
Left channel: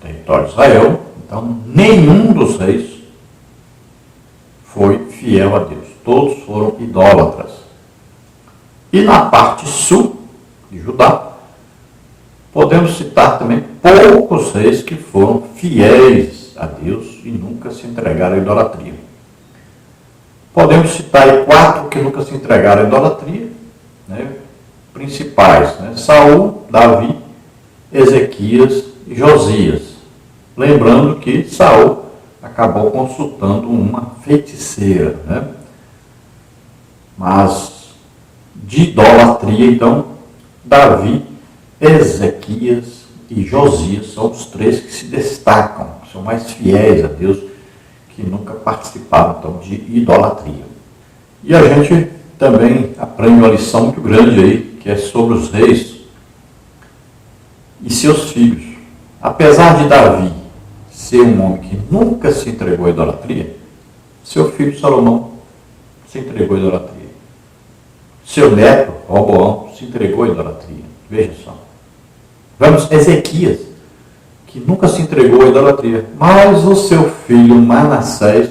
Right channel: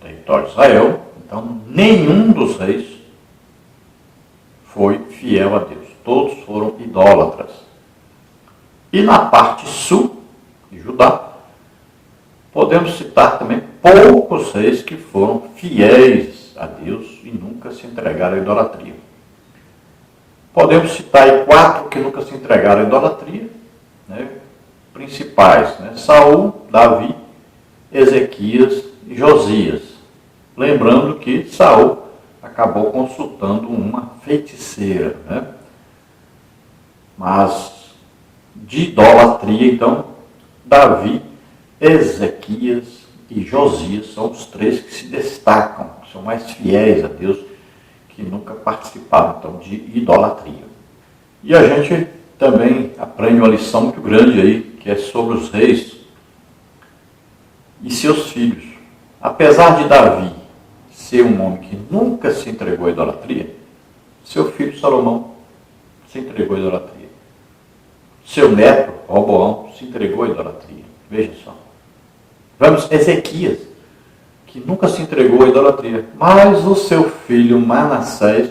território de Israel, então nenhum dos reis foi fiel a Deus. Todos foram idólatras. E na parte sul de Judá, podemos citar também poucos reis que foram fiéis a Deus e nunca se entregaram à idolatria. Podemos citar aí 4 que nunca se entregaram à idolatria, principais, Saul, Davi, Ezequias e Josias. Lembrando que Saul acabou consultando uma feiticeira, Mas de idolatria, então, Davi, Ezequias e Josias são os 3 que se destacam, são mais fiéis a Deus, que nunca participaram então, de idolatria. E a gente também aprende uma lição muito grande aí, que é sobre os reis e seus filhos. Apesar de Davi ser um homem que nunca se entregou à idolatria, seu filho Salomão se entregou à idolatria. Seu neto, Roboão, se entregou à idolatria. Veja só. Vamos, Ezequias, que nunca se entregou à idolatria, mas o seu filho Manassés,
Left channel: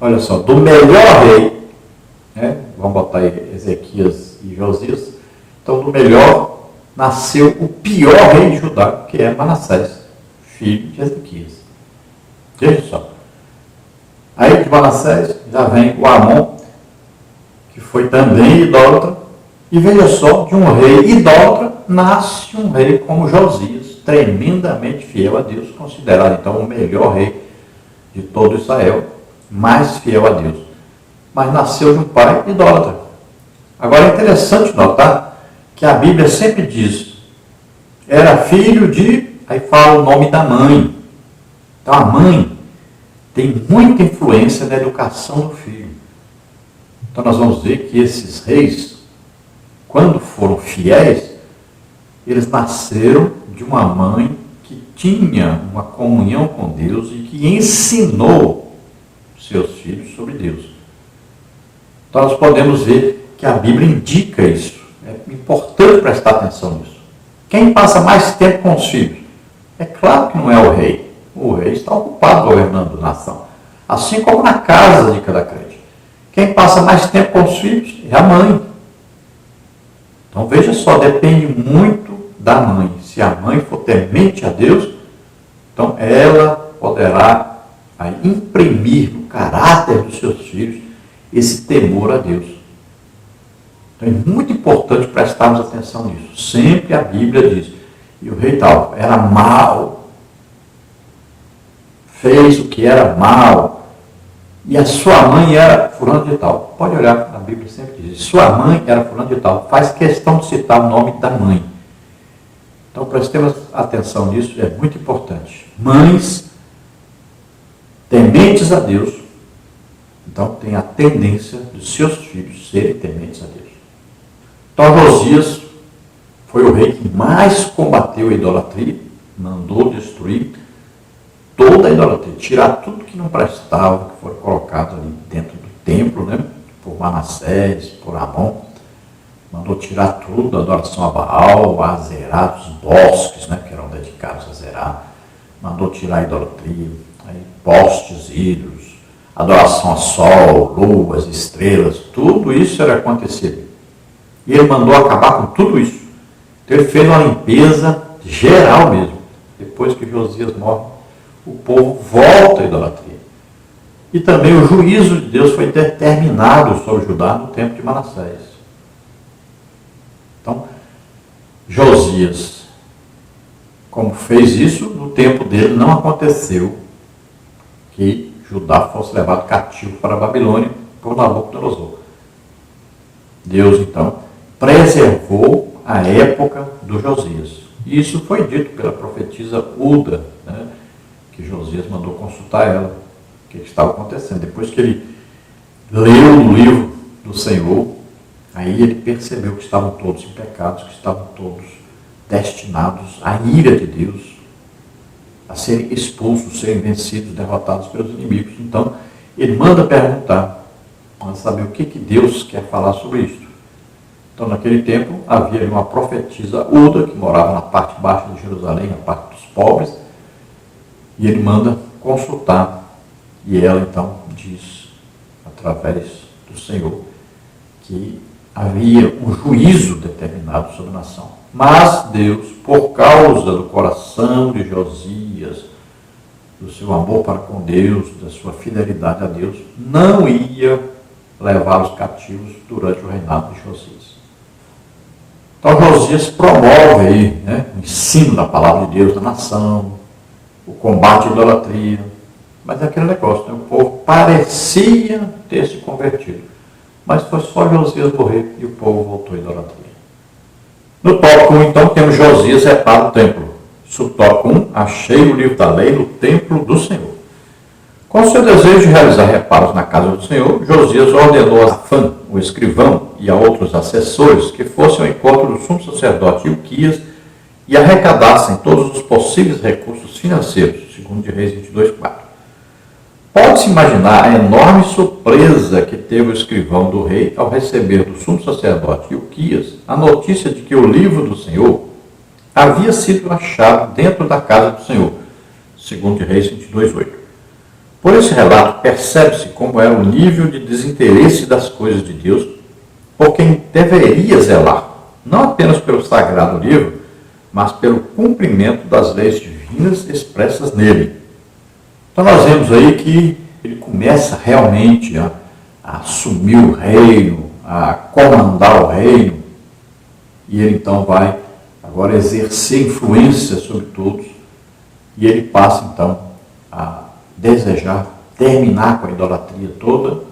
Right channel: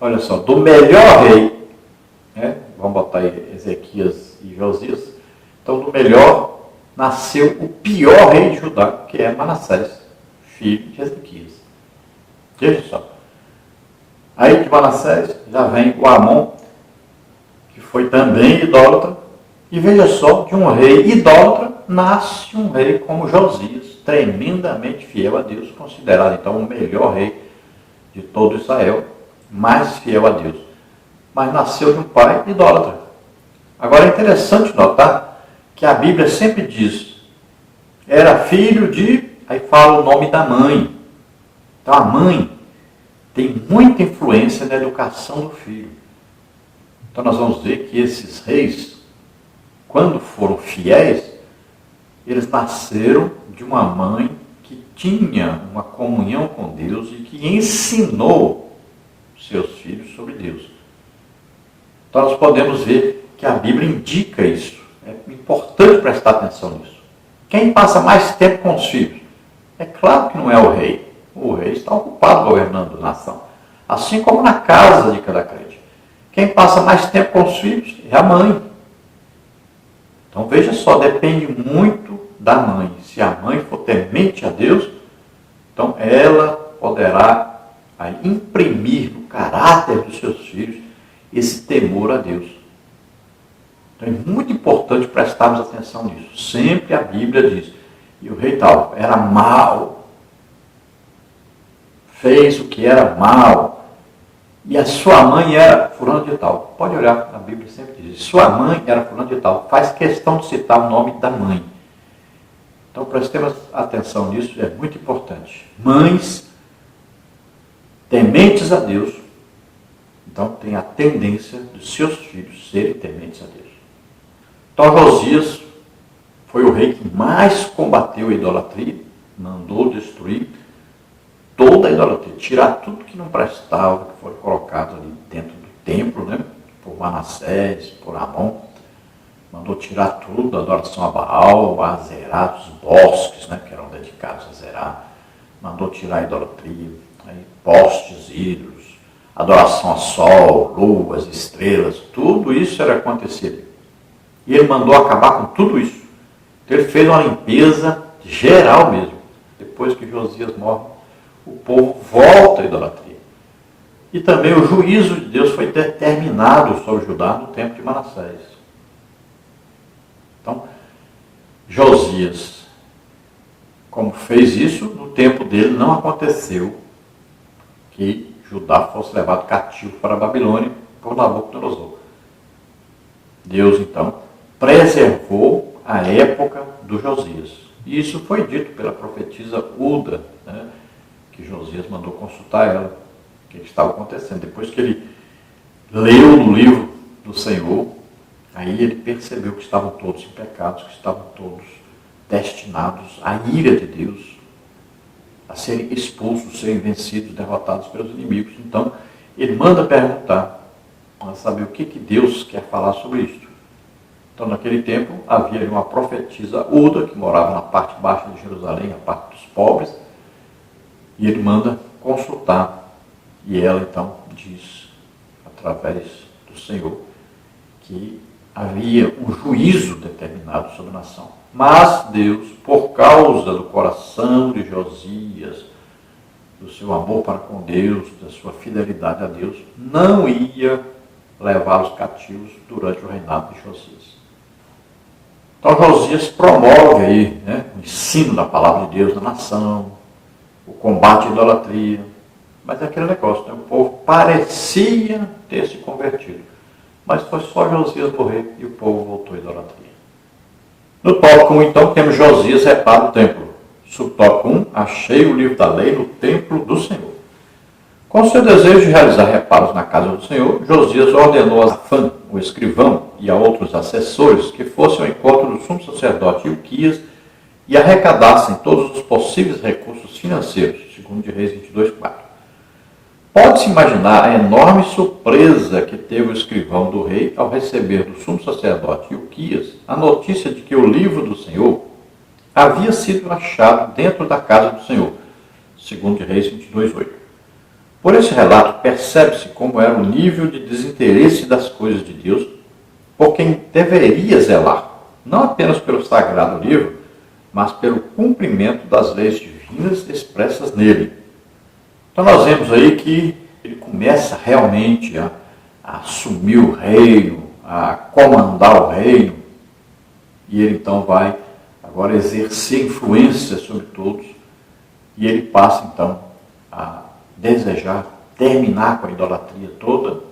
olha só, do melhor rei, vamos botar aí Ezequias e Josias, então do melhor nasceu o pior rei de Judá, que é Manassés, filho de Ezequias. Veja só. Aí de Manassés já vem o Amon, que foi também idólatra, e veja só, de um rei idólatra nasce um rei como Josias, tremendamente fiel a Deus, considerado então o melhor rei de todo Israel, mais fiel a Deus. Mas nasceu de um pai idólatra. Agora é interessante notar que a Bíblia sempre diz, era filho de, aí fala o nome da mãe. Então a mãe tem muita influência na educação do filho. Então nós vamos ver que esses reis, quando foram fiéis, eles nasceram de uma mãe que tinha uma comunhão com Deus e que ensinou seus filhos sobre Deus. Então nós podemos ver que a Bíblia indica isso. É importante prestar atenção nisso. Quem passa mais tempo com os filhos? É claro que não é o rei. O rei está ocupado governando a nação. Assim como na casa de cada crente. Quem passa mais tempo com os filhos é a mãe. Então veja só, depende muito da mãe. Se a mãe for temente a Deus, então ela poderá aí, imprimir no caráter dos seus filhos esse temor a Deus. Então é muito importante prestarmos atenção nisso. Sempre a Bíblia diz, e o rei tal era mau, fez o que era mal, e a sua mãe era fulano de tal. Pode olhar, na Bíblia sempre diz, sua mãe era fulano de tal. Faz questão de citar o nome da mãe. Então prestemos atenção nisso, é muito importante. Mães tementes a Deus, então tem a tendência dos seus filhos serem tementes a Deus. Então Josias foi o rei que mais combateu a idolatria, mandou destruir toda a idolatria, tirar tudo que não prestava, que foi colocado ali dentro do templo, por Manassés, por Amon. Mandou tirar tudo, a adoração a Baal, a Azerá, dos bosques, que eram dedicados a Azerá. Mandou tirar a idolatria, postes, ídolos, adoração a sol, luas, estrelas, tudo isso era acontecido. E ele mandou acabar com tudo isso. Então ele fez uma limpeza geral mesmo. Depois que Josias morre, o povo volta à idolatria. E também o juízo de Deus foi determinado sobre Judá no tempo de Manassés. Então, Josias, como fez isso, no tempo dele não aconteceu que Judá fosse levado cativo para a Babilônia por Nabucodonosor. Deus, então, preservou a época do Josias. E isso foi dito pela profetisa Uda, né, que Josias mandou consultar ela, o que estava acontecendo. Depois que ele leu no livro do Senhor, aí ele percebeu que estavam todos em pecados, que estavam todos destinados à ira de Deus, a serem expulsos, serem vencidos, derrotados pelos inimigos. Então, ele manda perguntar, para saber o que Deus quer falar sobre isso. Então, naquele tempo, havia uma profetisa Uda, que morava na parte baixa de Jerusalém, a parte dos pobres, e ele manda consultar. E ela, então, diz, através do Senhor, que havia um juízo determinado sobre a nação. Mas Deus, por causa do coração de Josias, do seu amor para com Deus, da sua fidelidade a Deus, não ia levar os cativos durante o reinado de Josias. Então Josias promove aí, o ensino da palavra de Deus na nação, o combate à idolatria, mas é aquele negócio, o povo parecia ter se convertido, mas foi só Josias morrer e o povo voltou à idolatria. No tópico 1, então, temos Josias repara o templo. Subtópico 1, achei o livro da lei no templo do Senhor. Com seu desejo de realizar reparos na casa do Senhor, Josias ordenou a Safã, o escrivão, e a outros assessores que fossem ao encontro do sumo sacerdote Ilquias e arrecadassem todos os possíveis recursos financeiros, segundo de Reis 22:4. Pode-se imaginar a enorme surpresa que teve o escrivão do rei ao receber do sumo sacerdote Ilquias a notícia de que o livro do Senhor havia sido achado dentro da casa do Senhor, segundo de Reis 22:8. Por esse relato, percebe-se como era o nível de desinteresse das coisas de Deus por quem deveria zelar, não apenas pelo sagrado livro, mas pelo cumprimento das leis divinas expressas nele. Então nós vemos aí que ele começa realmente a assumir o reino, a comandar o reino, e ele então vai agora exercer influência sobre todos, e ele passa então a desejar terminar com a idolatria toda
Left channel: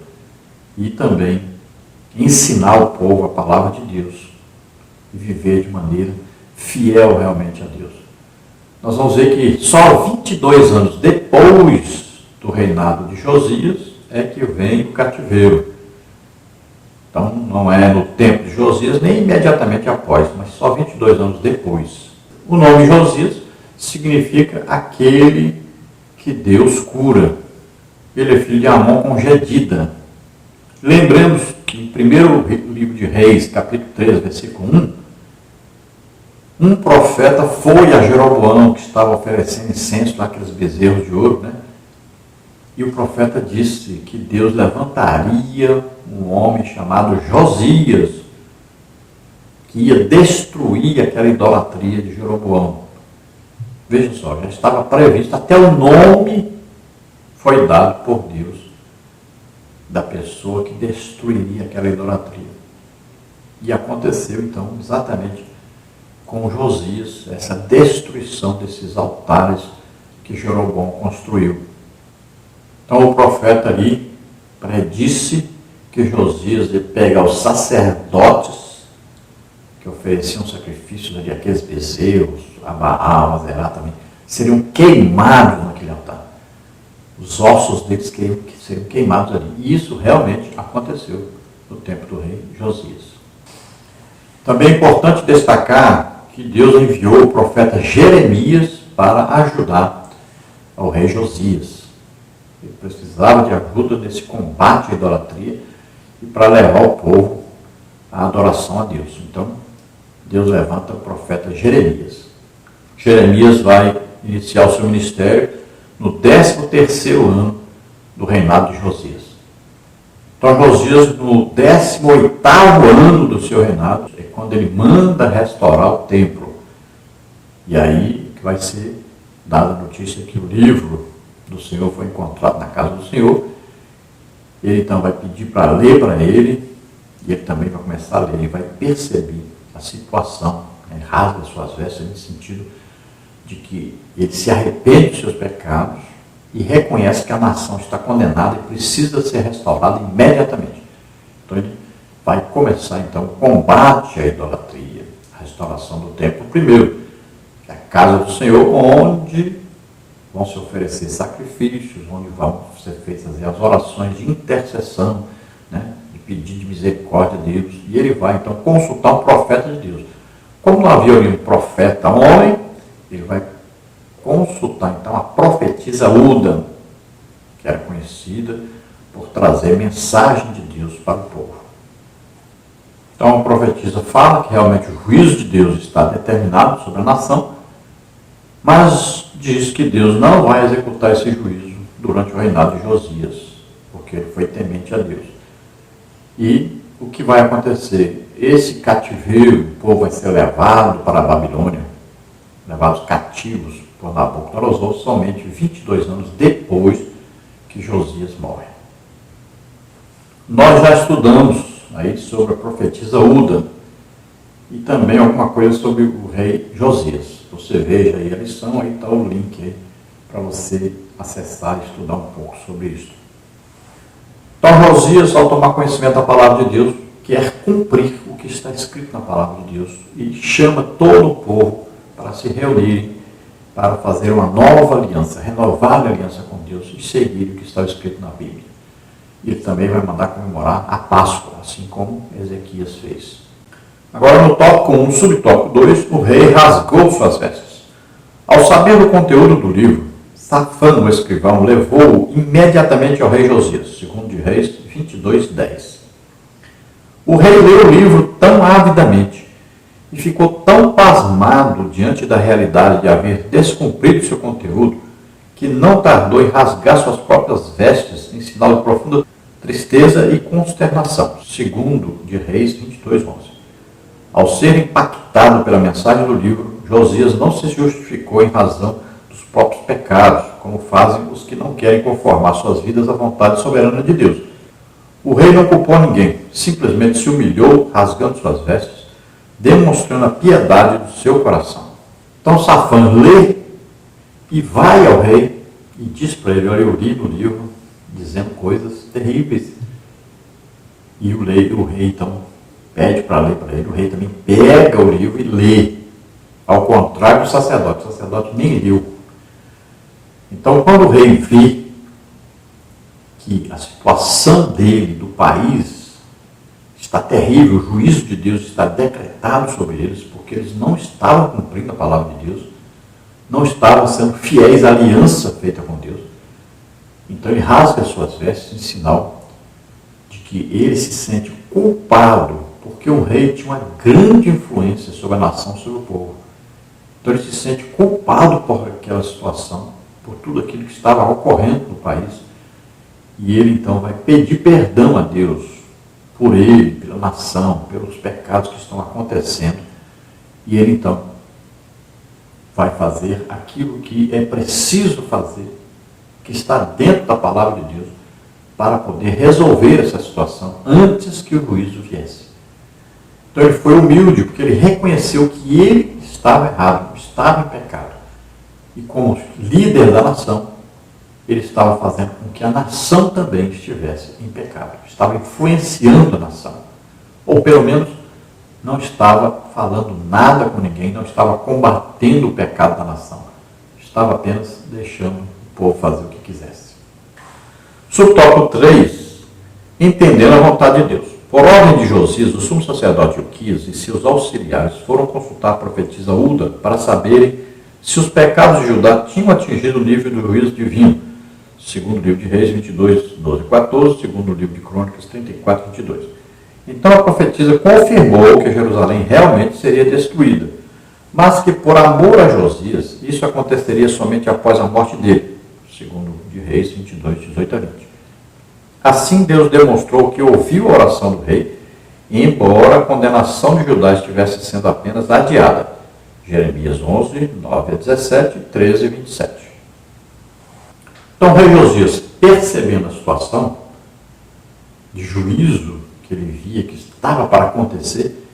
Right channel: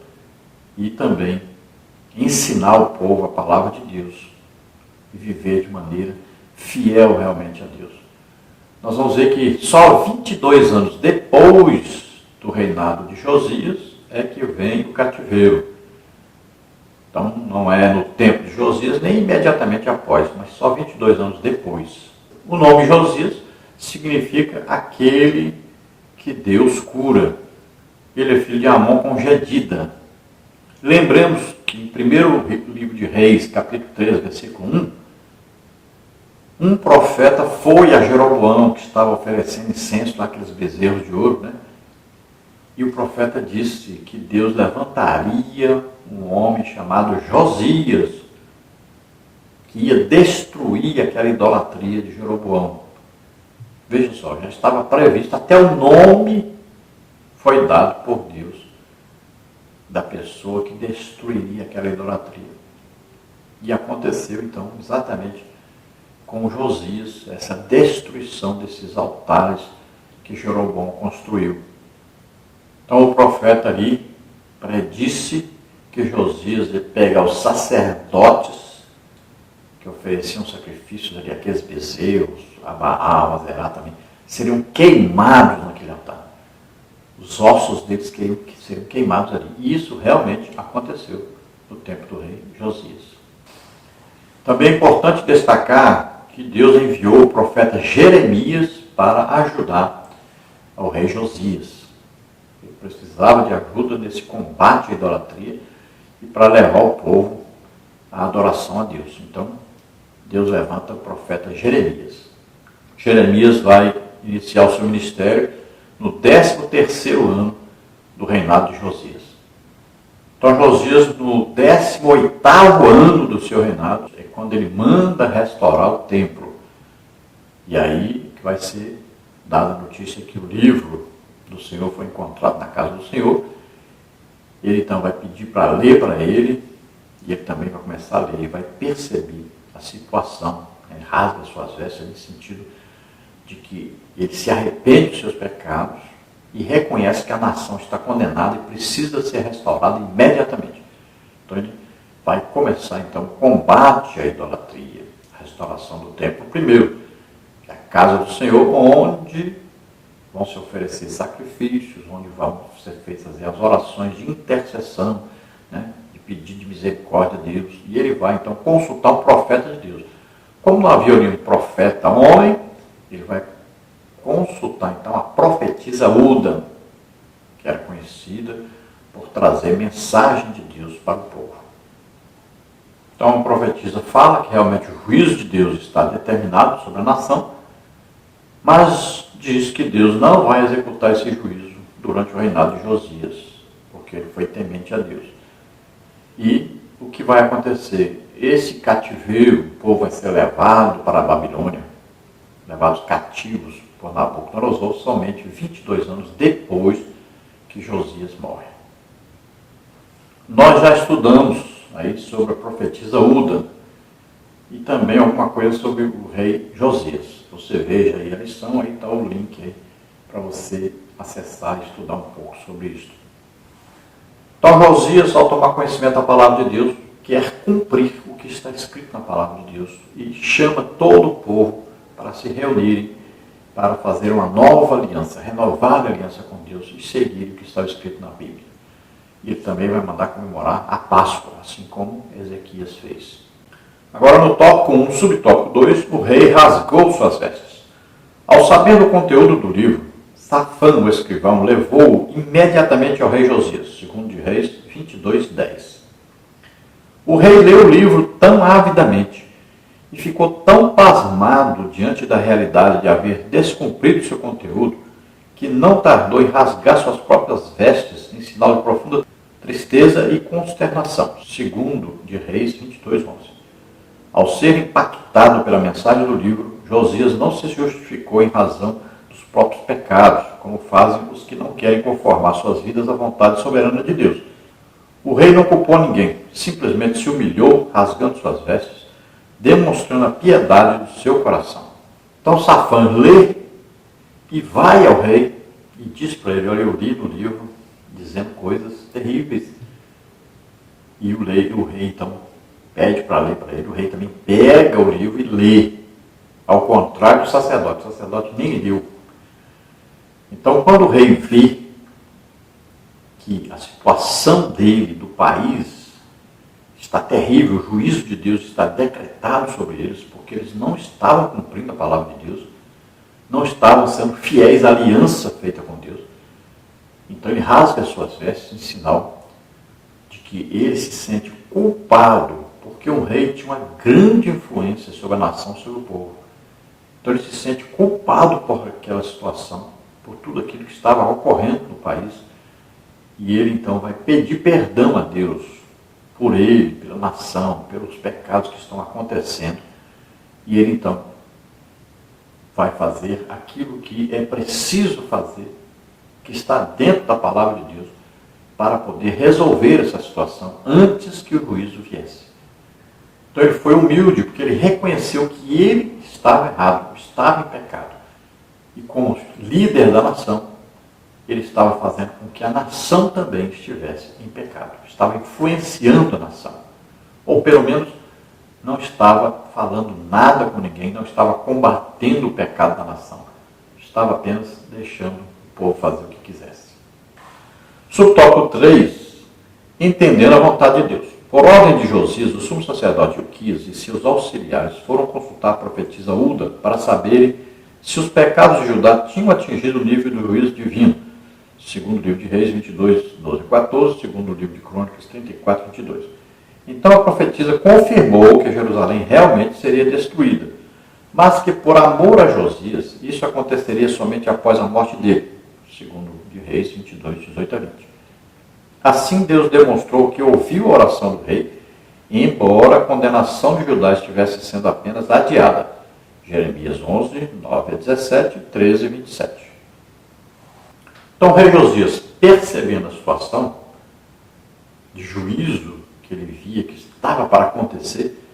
e também ensinar o povo a palavra de Deus e viver de maneira fiel realmente a Deus. Nós vamos ver que só 22 anos depois do reinado de Josias é que vem o cativeiro. Então não é no tempo de Josias nem imediatamente após, mas só 22 anos depois. O nome Josias significa aquele que Deus cura. Ele é filho de Amon com Gedida. Lembremos que no primeiro livro de Reis, capítulo 3, versículo 1, um profeta foi a Jeroboão, que estava oferecendo incenso naqueles bezerros de ouro, E o profeta disse que Deus levantaria um homem chamado Josias, que ia destruir aquela idolatria de Jeroboão. Vejam só, já estava previsto, até o nome foi dado por Deus da pessoa que destruiria aquela idolatria. E aconteceu então exatamente com Josias, essa destruição desses altares que Jeroboão construiu. Então o profeta ali predisse que Josias ia pegar os sacerdotes que ofereciam sacrifícios ali, aqueles bezerros, a Baal, a Zerá também, seriam queimados naquele altar. Os ossos deles seriam queimados ali. E isso realmente aconteceu no tempo do rei Josias. Também é importante destacar que Deus enviou o profeta Jeremias para ajudar ao rei Josias. Ele precisava de ajuda nesse combate à idolatria e para levar o povo à adoração a Deus. Então, Deus levanta o profeta Jeremias. Jeremias vai iniciar o seu ministério no 13º ano do reinado de Josias. Então Josias, no 18º ano do seu reinado, é quando ele manda restaurar o templo. E aí que vai ser dada a notícia que o livro do Senhor foi encontrado na casa do Senhor. Ele então vai pedir para ler para ele, e ele também vai começar a ler, ele vai perceber a situação, rasga suas vestes no sentido de que ele se arrepende dos seus pecados e reconhece que a nação está condenada e precisa ser restaurada imediatamente. Então ele vai começar então o combate à idolatria, a restauração do templo primeiro, que é a casa do Senhor, onde vão se oferecer sacrifícios, onde vão ser feitas as orações de intercessão, né, de pedido de misericórdia a Deus, e ele vai então consultar um profeta de Deus. Como não havia nenhum profeta homem, ele vai consultar então a profetisa Uda, que era conhecida por trazer mensagem de Deus para o povo. Então a profetisa fala que realmente o juízo de Deus está determinado sobre a nação, mas diz que Deus não vai executar esse juízo durante o reinado de Josias, porque ele foi temente a Deus. E o que vai acontecer? Esse cativeiro, o povo vai ser levado para a Babilônia, levados cativos por Nabucodonosor, somente 22 anos depois que Josias morre. Nós já estudamos aí sobre a profetisa Uda e também alguma coisa sobre o rei Josias. Você veja aí a lição, aí está o link aí para você acessar e estudar um pouco sobre isso. Então Josias, ao tomar conhecimento da palavra de Deus, quer cumprir o que está escrito na palavra de Deus e chama todo o povo para se reunirem, para fazer uma nova aliança, renovar a aliança com Deus e seguir o que está escrito na Bíblia. E ele também vai mandar comemorar a Páscoa, assim como Ezequias fez. Agora no tópico 1, subtópico 2, o rei rasgou suas vestes. Ao saber do conteúdo do livro, Safã, o escrivão, levou-o imediatamente ao rei Josias, segundo de Reis 22:10. O rei leu o livro tão avidamente e ficou tão pasmado diante da realidade de haver descumprido seu conteúdo, que não tardou em rasgar suas próprias vestes em sinal de profunda tristeza e consternação, segundo de Reis 22:11. Ao ser impactado pela mensagem do livro, Josias não se justificou em razão dos próprios pecados, como fazem os que não querem conformar suas vidas à vontade soberana de Deus. O rei não culpou ninguém, simplesmente se humilhou, rasgando suas vestes, demonstrando a piedade do seu coração. Então Safã lê e vai ao rei e diz para ele: olha, eu li no livro dizendo coisas terríveis. E o rei então pede para ler para ele. O rei também pega o livro e lê, ao contrário do sacerdote. O sacerdote nem leu. Então quando o rei vê que a situação dele, do país, está terrível, o juízo de Deus está decretado sobre eles, porque eles não estavam cumprindo a palavra de Deus, não estavam sendo fiéis à aliança feita com Deus. Então ele rasga as suas vestes em sinal de que ele se sente culpado, porque o rei tinha uma grande influência sobre a nação, sobre o povo. Então ele se sente culpado por aquela situação, por tudo aquilo que estava ocorrendo no país. E ele então vai pedir perdão a Deus por ele, pela nação, pelos pecados que estão acontecendo. E ele então vai fazer aquilo que é preciso fazer, que está dentro da palavra de Deus, para poder resolver essa situação antes que o juízo viesse. Então ele foi humilde, porque ele reconheceu que ele estava errado, estava em pecado. E como líder da nação, ele estava fazendo com que a nação também estivesse em pecado. Estava influenciando a nação. Ou pelo menos não estava falando nada com ninguém, não estava combatendo o pecado da nação. Estava apenas deixando o povo fazer o que quisesse. Subtópico 3. Entendendo a vontade de Deus. Por ordem de Josias, o sumo sacerdote Ilquias e seus auxiliares foram consultar a profetisa Uda para saberem se os pecados de Judá tinham atingido o nível do juízo divino, segundo o livro de Reis 22:12-14, segundo o livro de Crônicas 34:22. Então a profetisa confirmou que Jerusalém realmente seria destruída, mas que por amor a Josias, isso aconteceria somente após a morte dele, segundo de Reis 22:18-20. Assim Deus demonstrou que ouviu a oração do rei, embora a condenação de Judá estivesse sendo apenas adiada. Jeremias 11:9-17, 13:27. Então o rei Josias, percebendo a situação de juízo que ele via que estava para acontecer,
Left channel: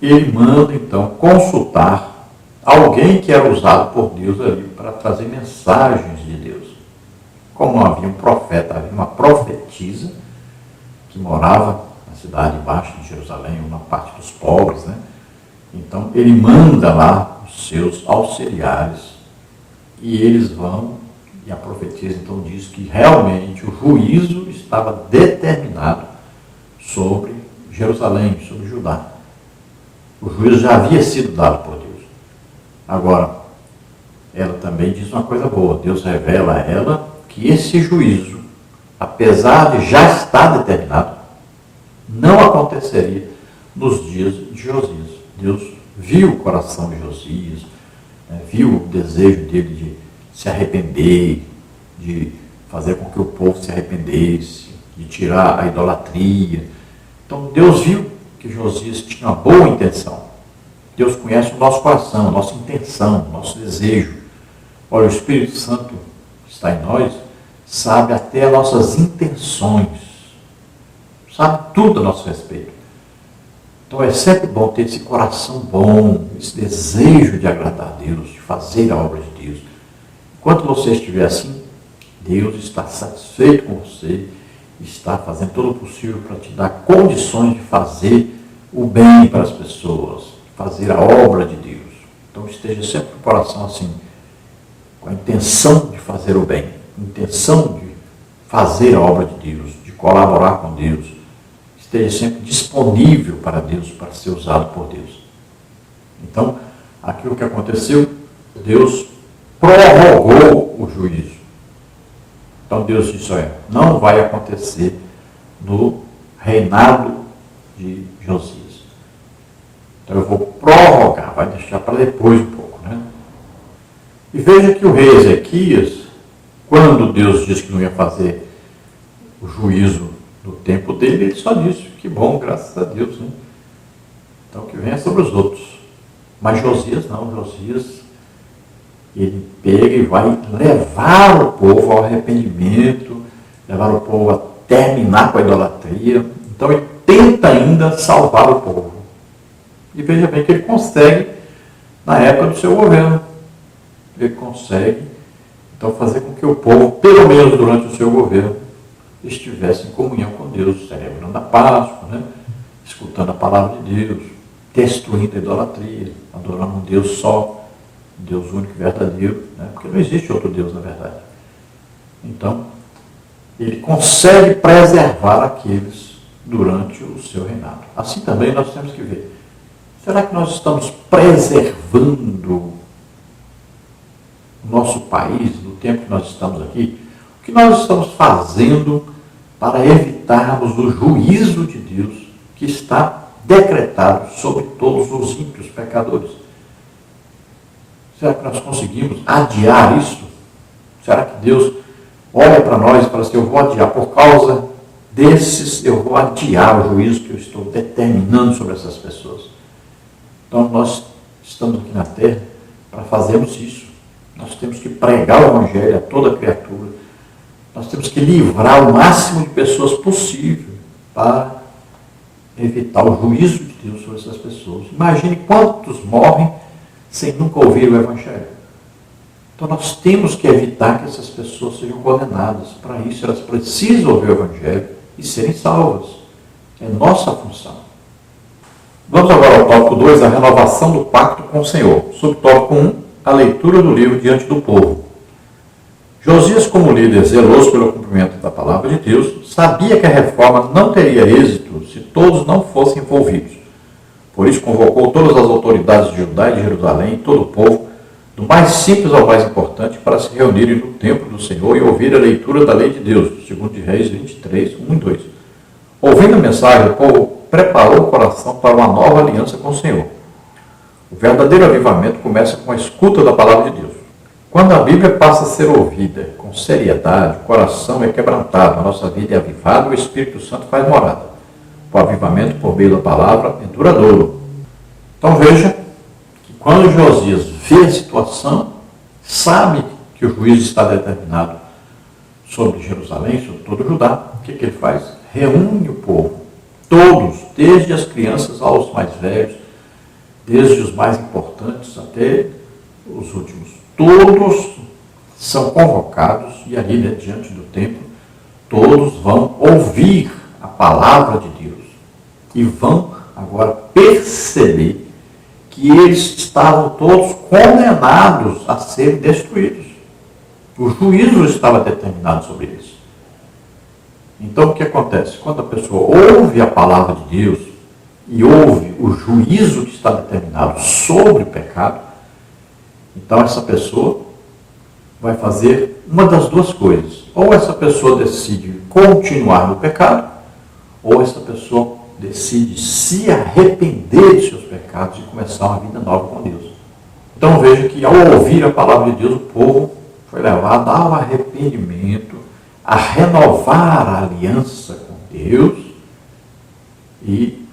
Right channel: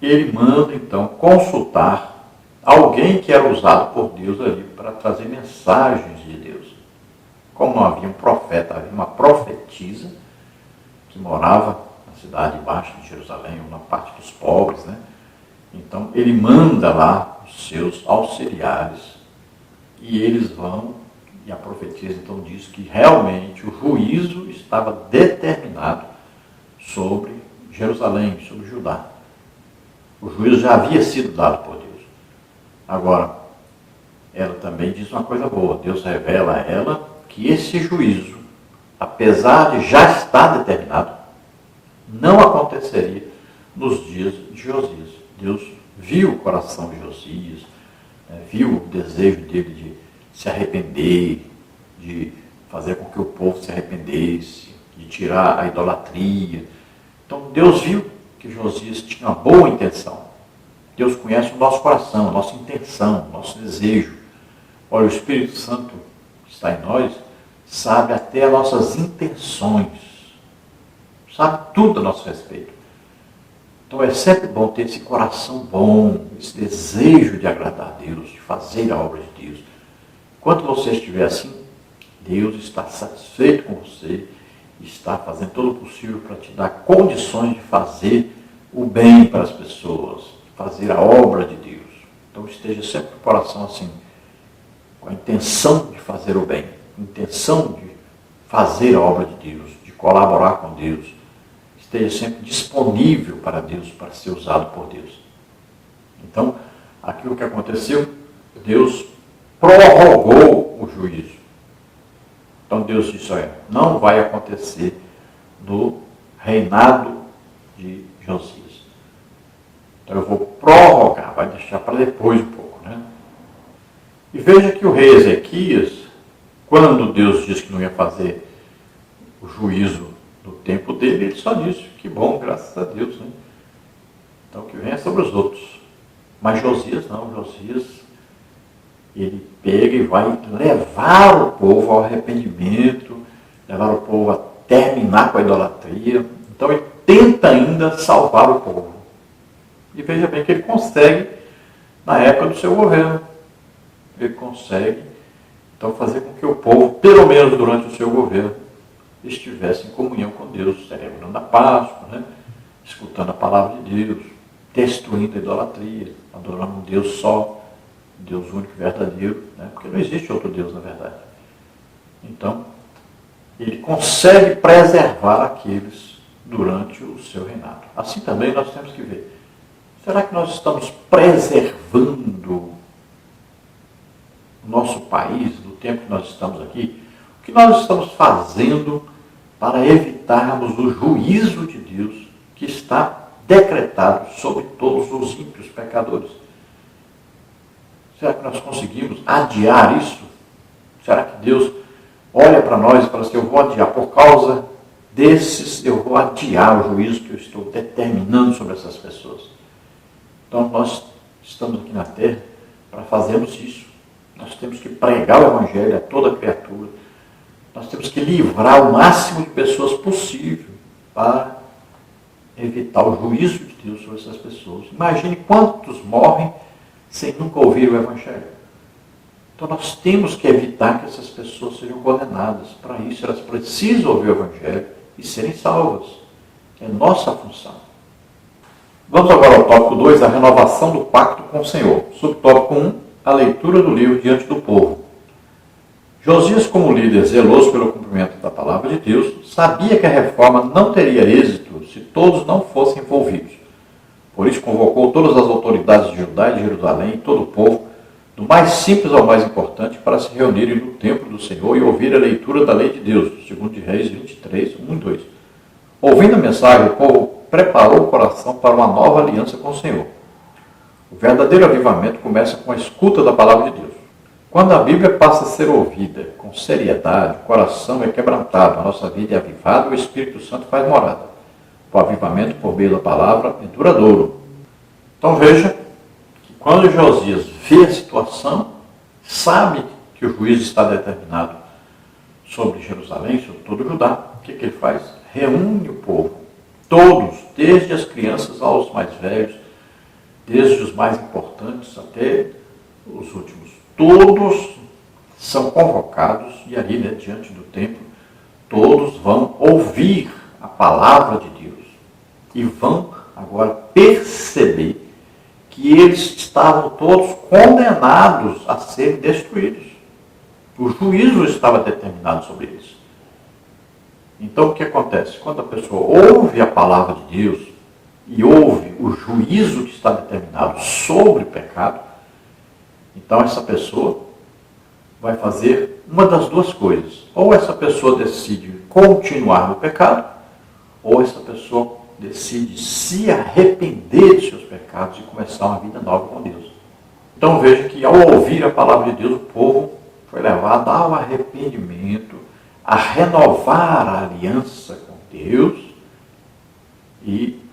ele manda então consultar alguém que era usado por Deus ali para trazer mensagens de Deus. Como não havia um profeta, havia uma profetisa que morava na cidade embaixo de Jerusalém, uma parte dos pobres, né? Então ele manda lá os seus auxiliares e eles vão, e a profetisa então diz que realmente o juízo estava determinado sobre Jerusalém, sobre Judá. O juízo já havia sido dado por Deus. Agora, ela também diz uma coisa boa. Deus revela a ela que esse juízo, apesar de já estar determinado, não aconteceria nos dias de Josias. Deus viu o coração de Josias, viu o desejo dele de se arrepender, de fazer com que o povo se arrependesse, de tirar a idolatria. Então Deus viu que Josias tinha uma boa intenção. Deus conhece o nosso coração, a nossa intenção, o nosso desejo. Olha, o Espírito Santo que está em nós sabe até as nossas intenções, sabe tudo a nosso respeito. Então é sempre bom ter esse coração bom, esse desejo de agradar a Deus, de fazer a obra de Deus. Enquanto você estiver assim, Deus está satisfeito com você, está fazendo todo o possível para te dar condições de fazer o bem para as pessoas, fazer a obra de Deus. Então esteja sempre com o coração assim, com a intenção de fazer o bem, intenção de fazer a obra de Deus, de colaborar com Deus. Esteja sempre disponível para Deus, para ser usado por Deus. Então, aquilo que aconteceu, Deus prorrogou o juízo. Então Deus disse, olha, não vai acontecer no reinado de Josias. Então eu vou prorrogar, vai deixar para depois um pouco, né? E veja que o rei Ezequias, quando Deus disse que não ia fazer o juízo no tempo dele, ele só disse, que bom, graças a Deus, né? Então que venha sobre os outros. Mas Josias não, Josias, ele pega e vai levar o povo ao arrependimento, levar o povo a terminar com a idolatria. Então ele tenta ainda salvar o povo. E veja bem que ele consegue na época do seu governo. Ele consegue, então, fazer com que o povo, pelo menos durante o seu governo, estivesse em comunhão com Deus, celebrando a Páscoa, né? Escutando a palavra de Deus, destruindo a idolatria, adorando um Deus só, um Deus único e verdadeiro, né? Porque não existe outro Deus, na verdade. Então, ele consegue preservar aqueles durante o seu reinado. Assim também nós temos que ver. Será que nós estamos preservando o nosso país, no tempo que nós estamos aqui? O que nós estamos fazendo para evitarmos o juízo de Deus que está decretado sobre todos os ímpios pecadores? Será que nós conseguimos adiar isso? Será que Deus olha para nós e fala assim, eu vou adiar por causa desses, eu vou adiar o juízo que eu estou determinando sobre essas pessoas? Então nós estamos aqui na terra para fazermos isso. Nós temos que pregar o Evangelho a toda criatura. Nós temos que livrar o máximo de pessoas possível para evitar o juízo de Deus sobre essas pessoas. Imagine quantos morrem sem nunca ouvir o Evangelho. Então nós temos que evitar que essas pessoas sejam condenadas. Para isso elas precisam ouvir o Evangelho e serem salvas. É nossa função. Vamos agora ao tópico 2, a renovação do pacto com o Senhor. Subtópico 1, a leitura do livro diante do povo. Josias, como líder zeloso pelo cumprimento da palavra de Deus, sabia que a reforma não teria êxito se todos não fossem envolvidos. Por isso convocou todas as autoridades de Judá e de Jerusalém, todo o povo, do mais simples ao mais importante, para se reunirem no templo do Senhor e ouvir a leitura da lei de Deus, segundo de Reis 23, 1 e 2. Ouvindo a mensagem, o povo preparou o coração para uma nova aliança com o Senhor. O verdadeiro avivamento começa com a escuta da palavra de Deus. Quando a Bíblia passa a ser ouvida com seriedade, o coração é quebrantado, a nossa vida é avivada, o Espírito Santo faz morada. O avivamento por meio da palavra é duradouro. Então veja que quando Josias vê a situação, sabe que o juízo está determinado sobre Jerusalém, sobre todo Judá, o que ele faz? Reúne o povo, todos, desde as crianças aos mais velhos, desde os mais importantes até os últimos. Todos são convocados e ali, diante do templo, todos vão ouvir a palavra de Deus. e vão agora perceber que eles estavam todos condenados a serem destruídos. O juízo estava determinado sobre eles. Então o que acontece? Quando a pessoa ouve a palavra de Deus e ouve o juízo que está determinado sobre o pecado, então essa pessoa vai fazer uma das duas coisas. Ou essa pessoa decide continuar no pecado, ou essa pessoa decide se arrepender de seus pecados e começar uma vida nova com Deus. Então veja que ao ouvir a palavra de Deus, o povo foi levado ao arrependimento, a renovar a aliança com Deus e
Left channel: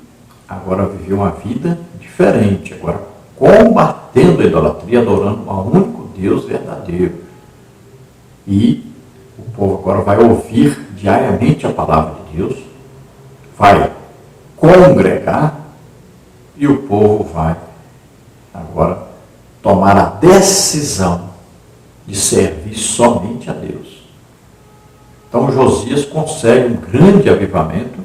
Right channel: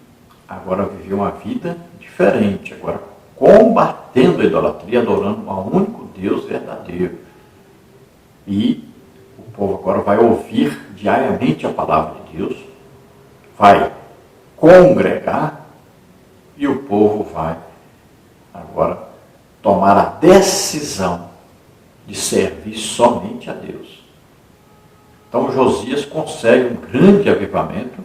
agora viver uma vida diferente, agora combatendo a idolatria, adorando ao único Deus verdadeiro. E o povo agora vai ouvir diariamente a palavra de Deus, vai congregar e o povo vai agora tomar a decisão de servir somente a Deus. Então Josias consegue um grande avivamento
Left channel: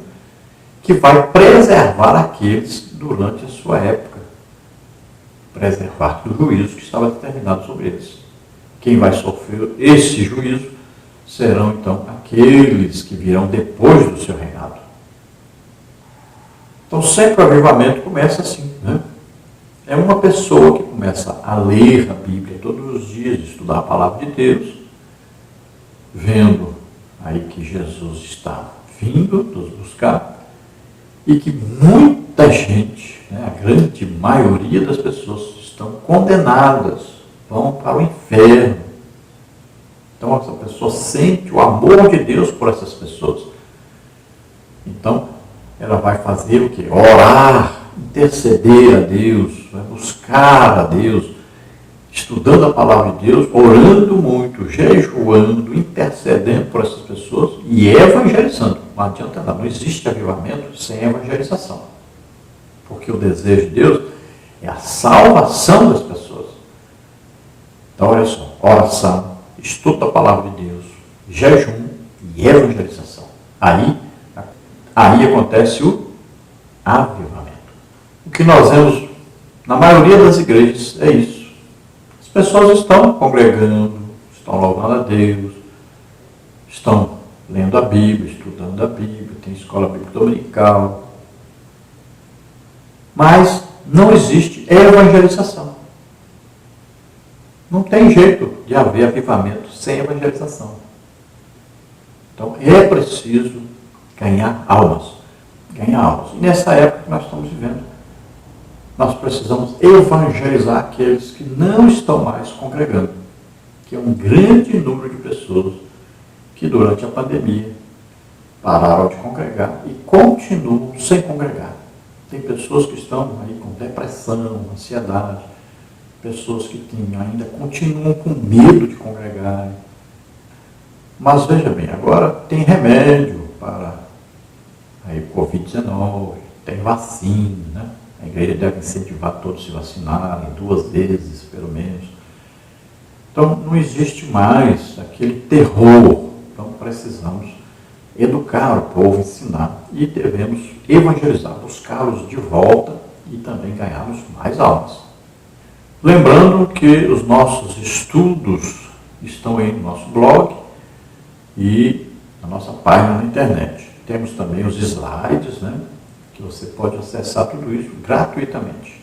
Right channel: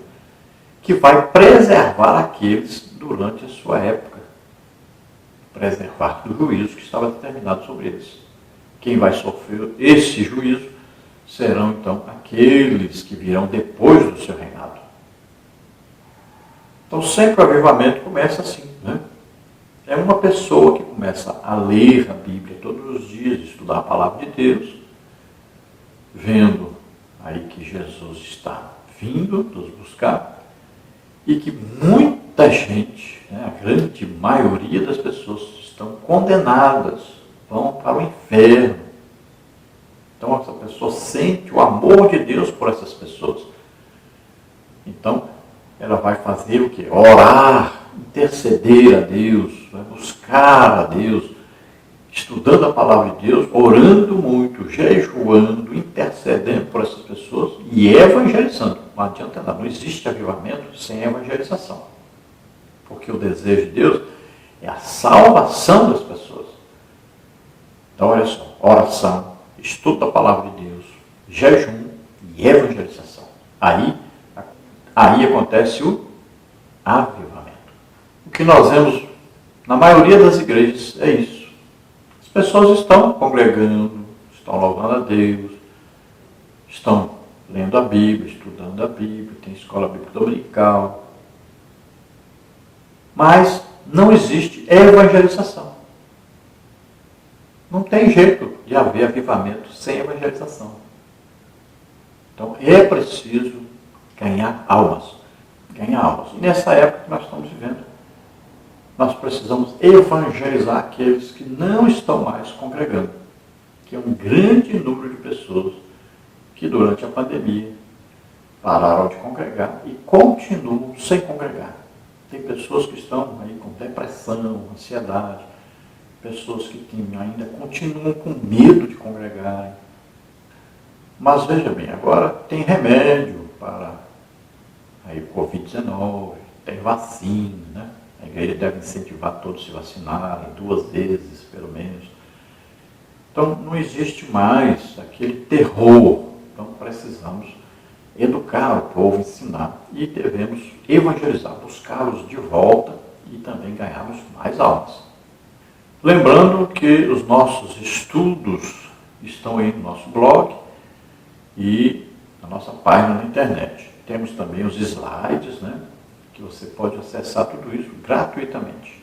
que vai preservar aqueles durante a sua época, preservar do juízo que estava determinado sobre eles. Quem vai sofrer esse juízo serão então aqueles que virão depois do seu reinado. Então sempre o avivamento começa assim, né? É uma pessoa que começa a ler a Bíblia todos os dias, estudar a palavra de Deus, vendo aí que Jesus está vindo nos buscar e que muita gente, né, a grande maioria das pessoas estão condenadas, vão para o inferno. Então essa pessoa sente o amor de Deus por essas pessoas. Então ela vai fazer o quê? Orar, interceder a Deus, vai buscar a Deus, estudando a palavra de Deus, orando muito, jejuando, intercedendo por essas pessoas e evangelizando. Não adianta nada, não existe avivamento sem evangelização. Porque o desejo de Deus é a salvação das pessoas. Então, olha só, oração, estudo da palavra de Deus, jejum e evangelização. Aí acontece o avivamento. O que nós vemos na maioria das igrejas é isso. As pessoas estão congregando, estão louvando a Deus, estão lendo a Bíblia, estudando a Bíblia, tem escola bíblica dominical. Mas não existe evangelização. Não tem jeito de haver avivamento sem evangelização. Então é preciso ganhar almas. Ganhar almas. E nessa época que nós estamos vivendo, nós precisamos evangelizar aqueles que não estão mais congregando, que é um grande número de pessoas que durante a pandemia pararam de congregar e continuam sem congregar. Tem pessoas que estão aí com depressão, ansiedade, pessoas que ainda continuam com medo de congregar. Mas veja bem, agora tem remédio para aí, o Covid-19, tem vacina, né? A igreja deve incentivar todos a se vacinarem 2 vezes, pelo menos. Então, não existe mais aquele terror. Então, precisamos educar o povo, ensinar. E devemos evangelizar, buscá-los de volta e também ganharmos mais almas. Lembrando que os nossos estudos estão aí no nosso blog e na nossa página na internet. Temos também os slides, né? Que você pode acessar tudo isso gratuitamente.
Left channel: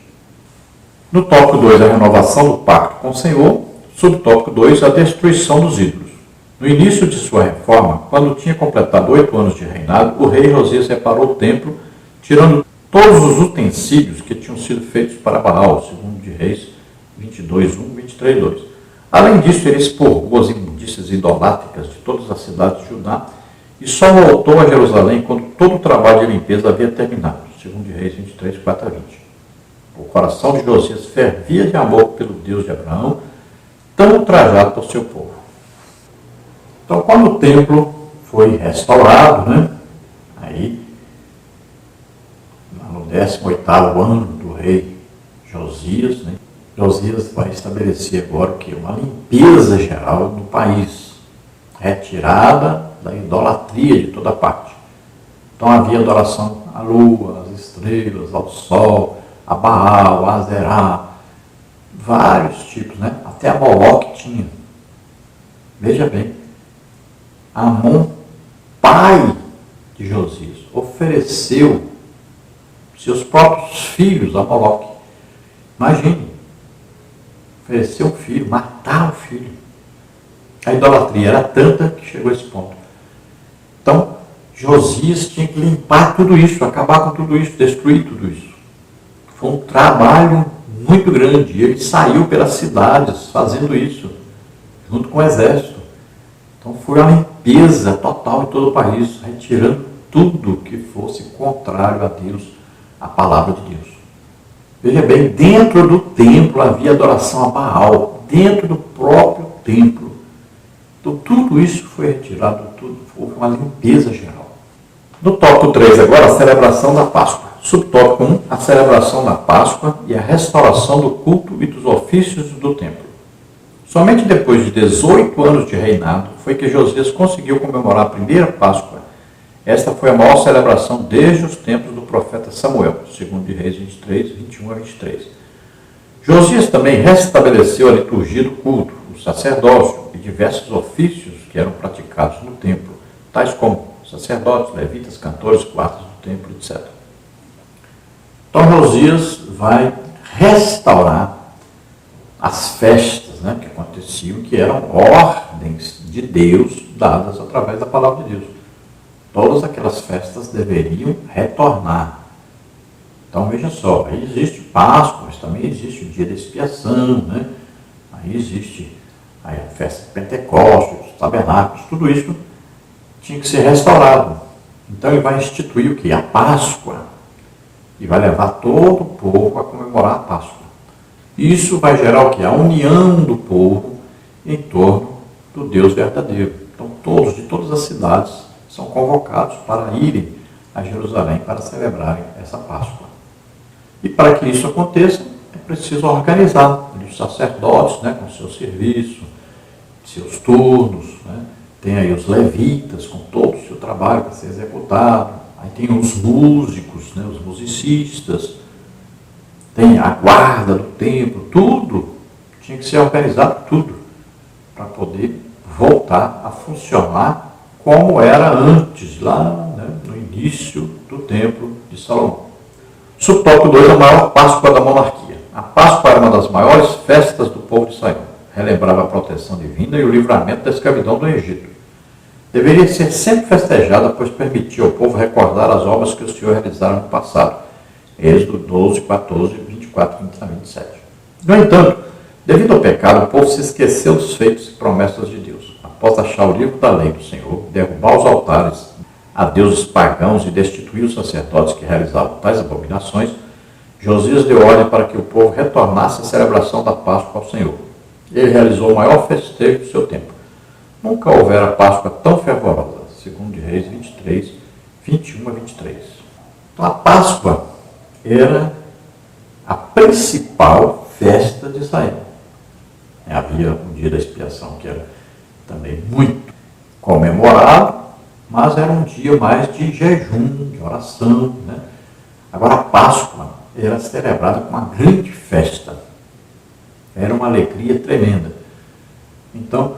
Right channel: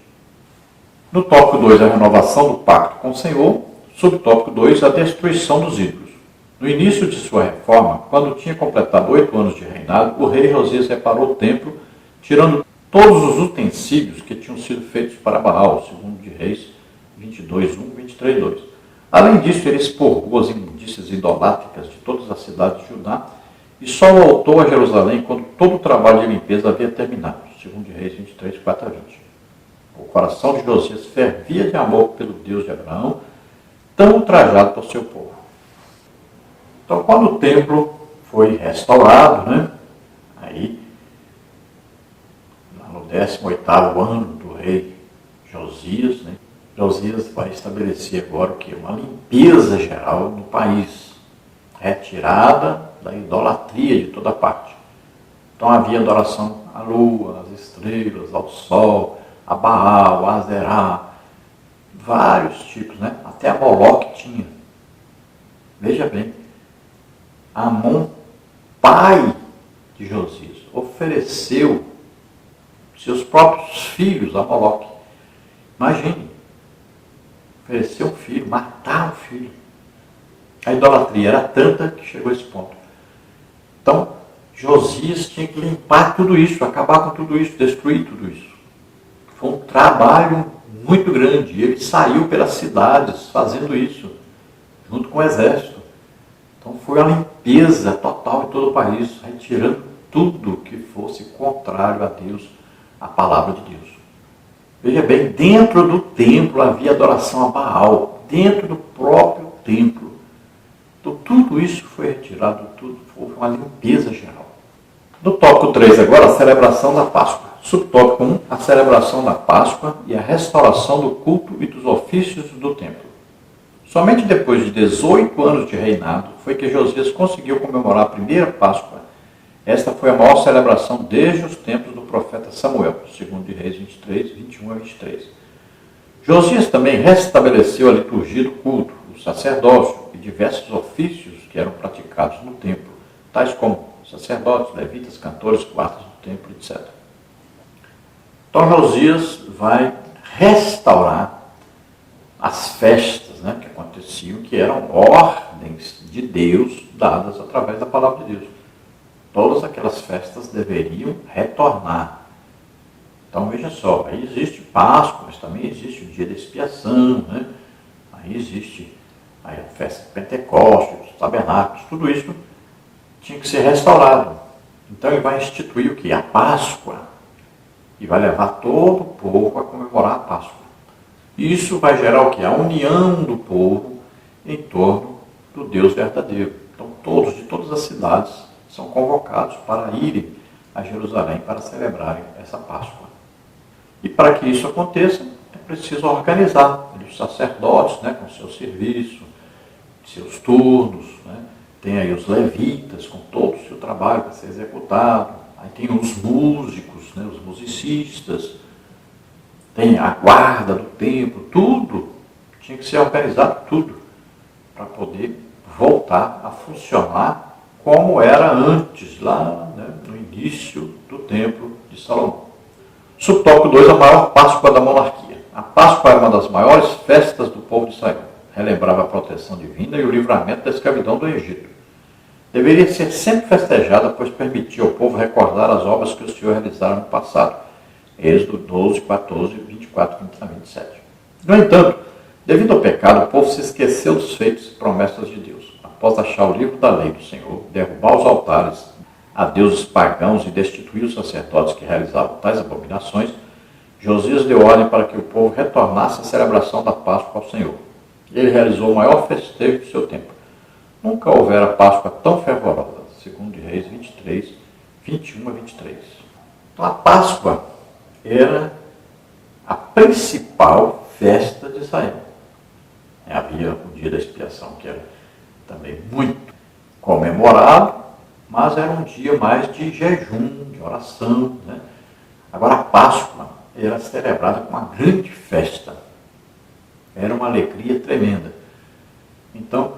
No tópico 2, a renovação do pacto com o Senhor. Subtópico 2, a destruição dos ídolos. No início de sua reforma, quando tinha completado 8 anos de reinado, o rei Josias reparou o templo, tirando todos os utensílios que tinham sido feitos para Baal, segundo de Reis 22:1, 23:2. Além disso, ele expurgou as imundícias idolátricas de todas as cidades de Judá e só voltou a Jerusalém quando todo o trabalho de limpeza havia terminado, segundo de Reis 23:4-20. O coração de Josias fervia de amor pelo Deus de Abraão, tão ultrajado por seu povo. Então, quando o templo foi restaurado, né, aí, no 18º ano do rei Josias, né, Josias vai estabelecer agora o quê? Uma limpeza geral no país, retirada da idolatria de toda parte. Então havia adoração à lua, às estrelas, ao sol, a Baal, a Azerá, vários tipos, né? Até a Moloque tinha. Veja bem, Amon, pai de Josias, ofereceu seus próprios filhos a Moloque. Imagine, oferecer um filho, matar o filho. A idolatria era tanta que chegou a esse ponto. Então, Josias tinha que limpar tudo isso, acabar com tudo isso, destruir tudo isso. Foi um trabalho muito grande. Ele saiu pelas cidades fazendo isso, junto com o exército. Então foi a limpeza total em todo o país, retirando tudo que fosse contrário a Deus, a palavra de Deus. Veja bem, dentro do templo havia adoração a Baal, dentro do próprio templo. Então tudo isso foi retirado, tudo foi uma limpeza geral. No tópico 3 agora, a celebração da Páscoa. Subtópico 1, a celebração da Páscoa e a restauração do culto e dos ofícios do templo. Somente depois de 18 anos de reinado foi que Josias conseguiu comemorar a primeira Páscoa. Esta foi a maior celebração desde os tempos do profeta Samuel, segundo de Reis 23, 21 a 23. Josias também restabeleceu a liturgia do culto, o sacerdócio e diversos ofícios que eram praticados no templo, tais como sacerdotes, levitas, cantores, guardas do templo, etc. Então Josias vai restaurar as festas, né, que aconteciam, que eram ordens de Deus dadas através da palavra de Deus. Todas aquelas festas deveriam retornar. Então veja só, aí existe Páscoa, mas também existe o dia da expiação, né? Aí existe a festa de Pentecostes, os tabernáculos, tudo isso tinha que ser restaurado. Então ele vai instituir o que? A Páscoa. E vai levar todo o povo a comemorar a Páscoa. Isso vai gerar o que? A união do povo em torno do Deus verdadeiro. Então todos, de todas as cidades, são convocados para irem a Jerusalém para celebrarem essa Páscoa. E para que isso aconteça, é preciso organizar os sacerdotes, né, com seu serviço, seus turnos, né? Tem aí os levitas com todo o seu trabalho para ser executado, aí tem os músicos, né, os musicistas, tem a guarda do templo, tudo tinha que ser organizado, tudo, para poder voltar a funcionar como era antes, lá, né, no início do templo de Salomão. Subtópico 2, a maior Páscoa da monarquia. A Páscoa era uma das maiores festas do povo de Israel. Relembrava a proteção divina e o livramento da escravidão do Egito. Deveria ser sempre festejada, pois permitia ao povo recordar as obras que o Senhor realizara no passado. Êxodo 12, 14, 24, 27. No entanto, devido ao pecado, o povo se esqueceu dos feitos e promessas de Deus. Após achar o livro da lei do Senhor, derrubar os altares a deuses pagãos e destituir os sacerdotes que realizavam tais abominações, Josias deu ordem para que o povo retornasse à celebração da Páscoa ao Senhor. Ele realizou o maior festejo do seu tempo. Nunca houvera Páscoa tão fervorosa, segundo de Reis 23, 21 a 23. Então a Páscoa era a principal festa de Israel. Havia o dia da expiação, que era também muito comemorado, mas era um dia mais de jejum, de oração, né? Agora a Páscoa era celebrada com uma grande festa. Era uma alegria tremenda. Então,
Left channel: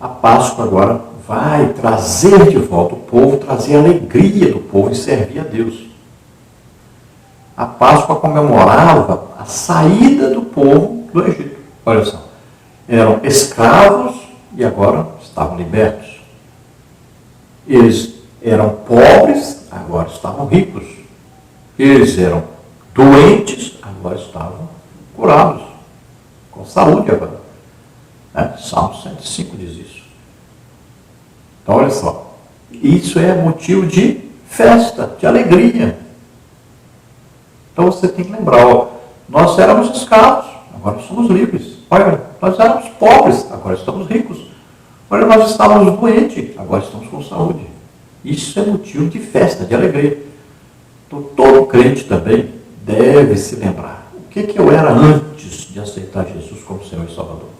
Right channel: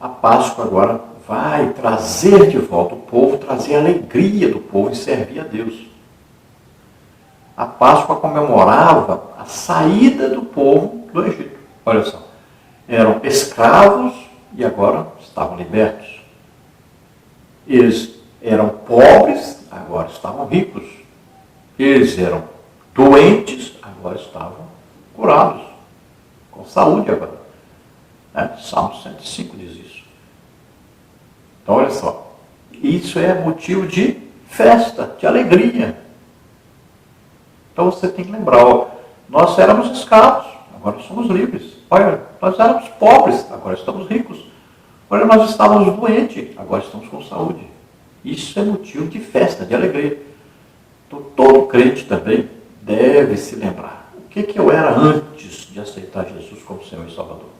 a Páscoa agora vai trazer de volta o povo, trazer a alegria do povo em servir a Deus. A Páscoa comemorava a saída do povo do Egito. Olha só, eram escravos e agora estavam libertos. Eles eram pobres, agora estavam ricos. Eles eram doentes, agora estavam curados, com saúde agora. Né? Salmo 105 diz isso. Então, olha só, isso é motivo de festa, de alegria. Então você tem que lembrar, ó, nós éramos escravos, agora somos livres. Olha, nós éramos pobres, agora estamos ricos. Olha, nós estávamos doentes, agora estamos com saúde. Isso é motivo de festa, de alegria. Então todo crente também deve se lembrar. O que eu era antes de aceitar Jesus como Senhor e Salvador?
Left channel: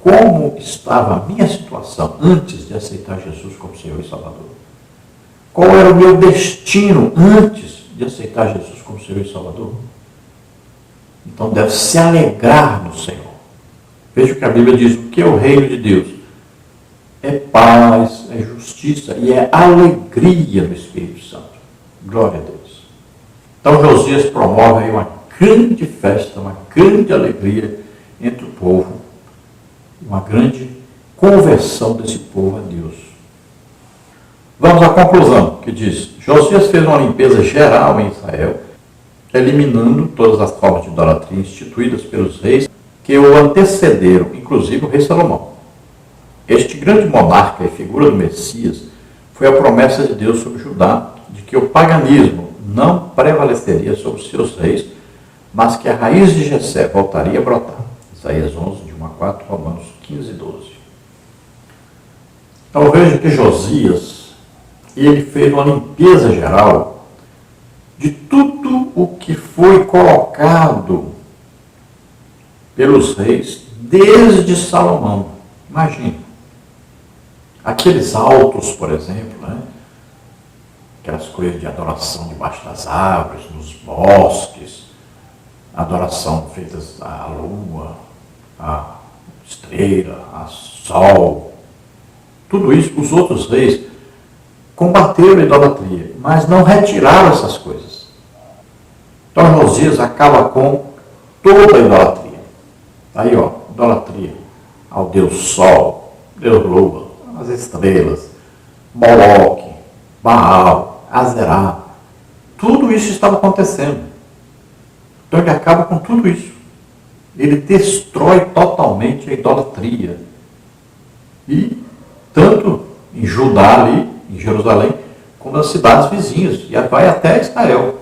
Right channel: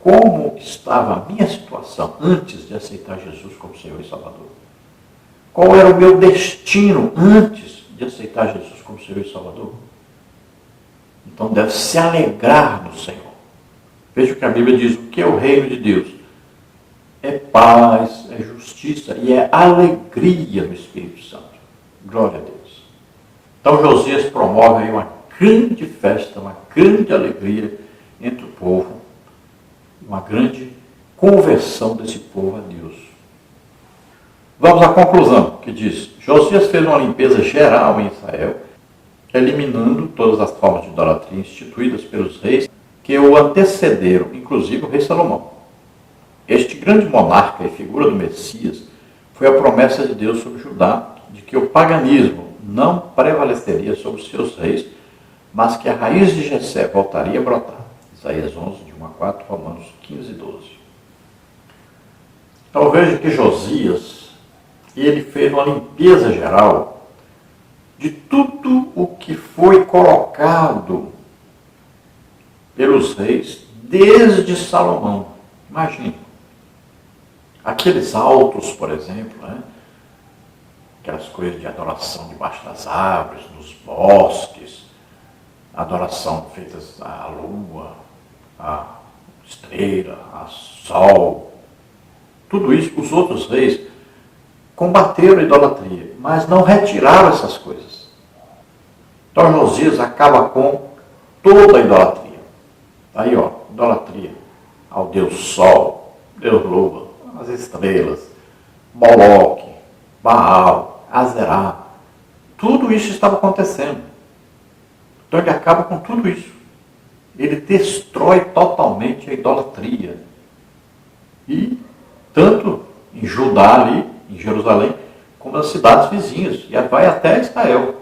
Como estava a minha situação antes de aceitar Jesus como Senhor e Salvador? Qual era o meu destino antes de aceitar Jesus como Senhor e Salvador? Então deve se alegrar no Senhor. Veja o que a Bíblia diz, o que é o reino de Deus? É paz, é justiça e é alegria no Espírito Santo. Glória a Deus. Então Josias promove aí uma grande festa, uma grande alegria entre o povo, uma grande conversão desse povo a Deus. Vamos à conclusão, que diz, Josias fez uma limpeza geral em Israel, eliminando todas as formas de idolatria instituídas pelos reis que o antecederam, inclusive o rei Salomão. Este grande monarca e figura do Messias foi a promessa de Deus sobre Judá, de que o paganismo não prevaleceria sobre os seus reis, mas que a raiz de Jessé voltaria a brotar. Isaías 11, de 1 a 4, Romanos 15 e 12. Então veja que Josias, ele fez uma limpeza geral de tudo o que foi colocado pelos reis desde Salomão. Imagine. Aqueles altos, por exemplo, né? Aquelas coisas de adoração debaixo das árvores, nos bosques, adoração feitas à lua, à estrela, ao sol. Tudo isso, os outros reis combateram a idolatria, mas não retiraram essas coisas. Então Josias acaba com toda a idolatria. Aí, ó, idolatria ao Deus Sol, Deus Lua, as estrelas, Moloque, Baal, Azerá. Tudo isso estava acontecendo. Então ele acaba com tudo isso. Ele destrói totalmente a idolatria. E tanto em Judá ali, em Jerusalém, como nas cidades vizinhas. E vai até Israel.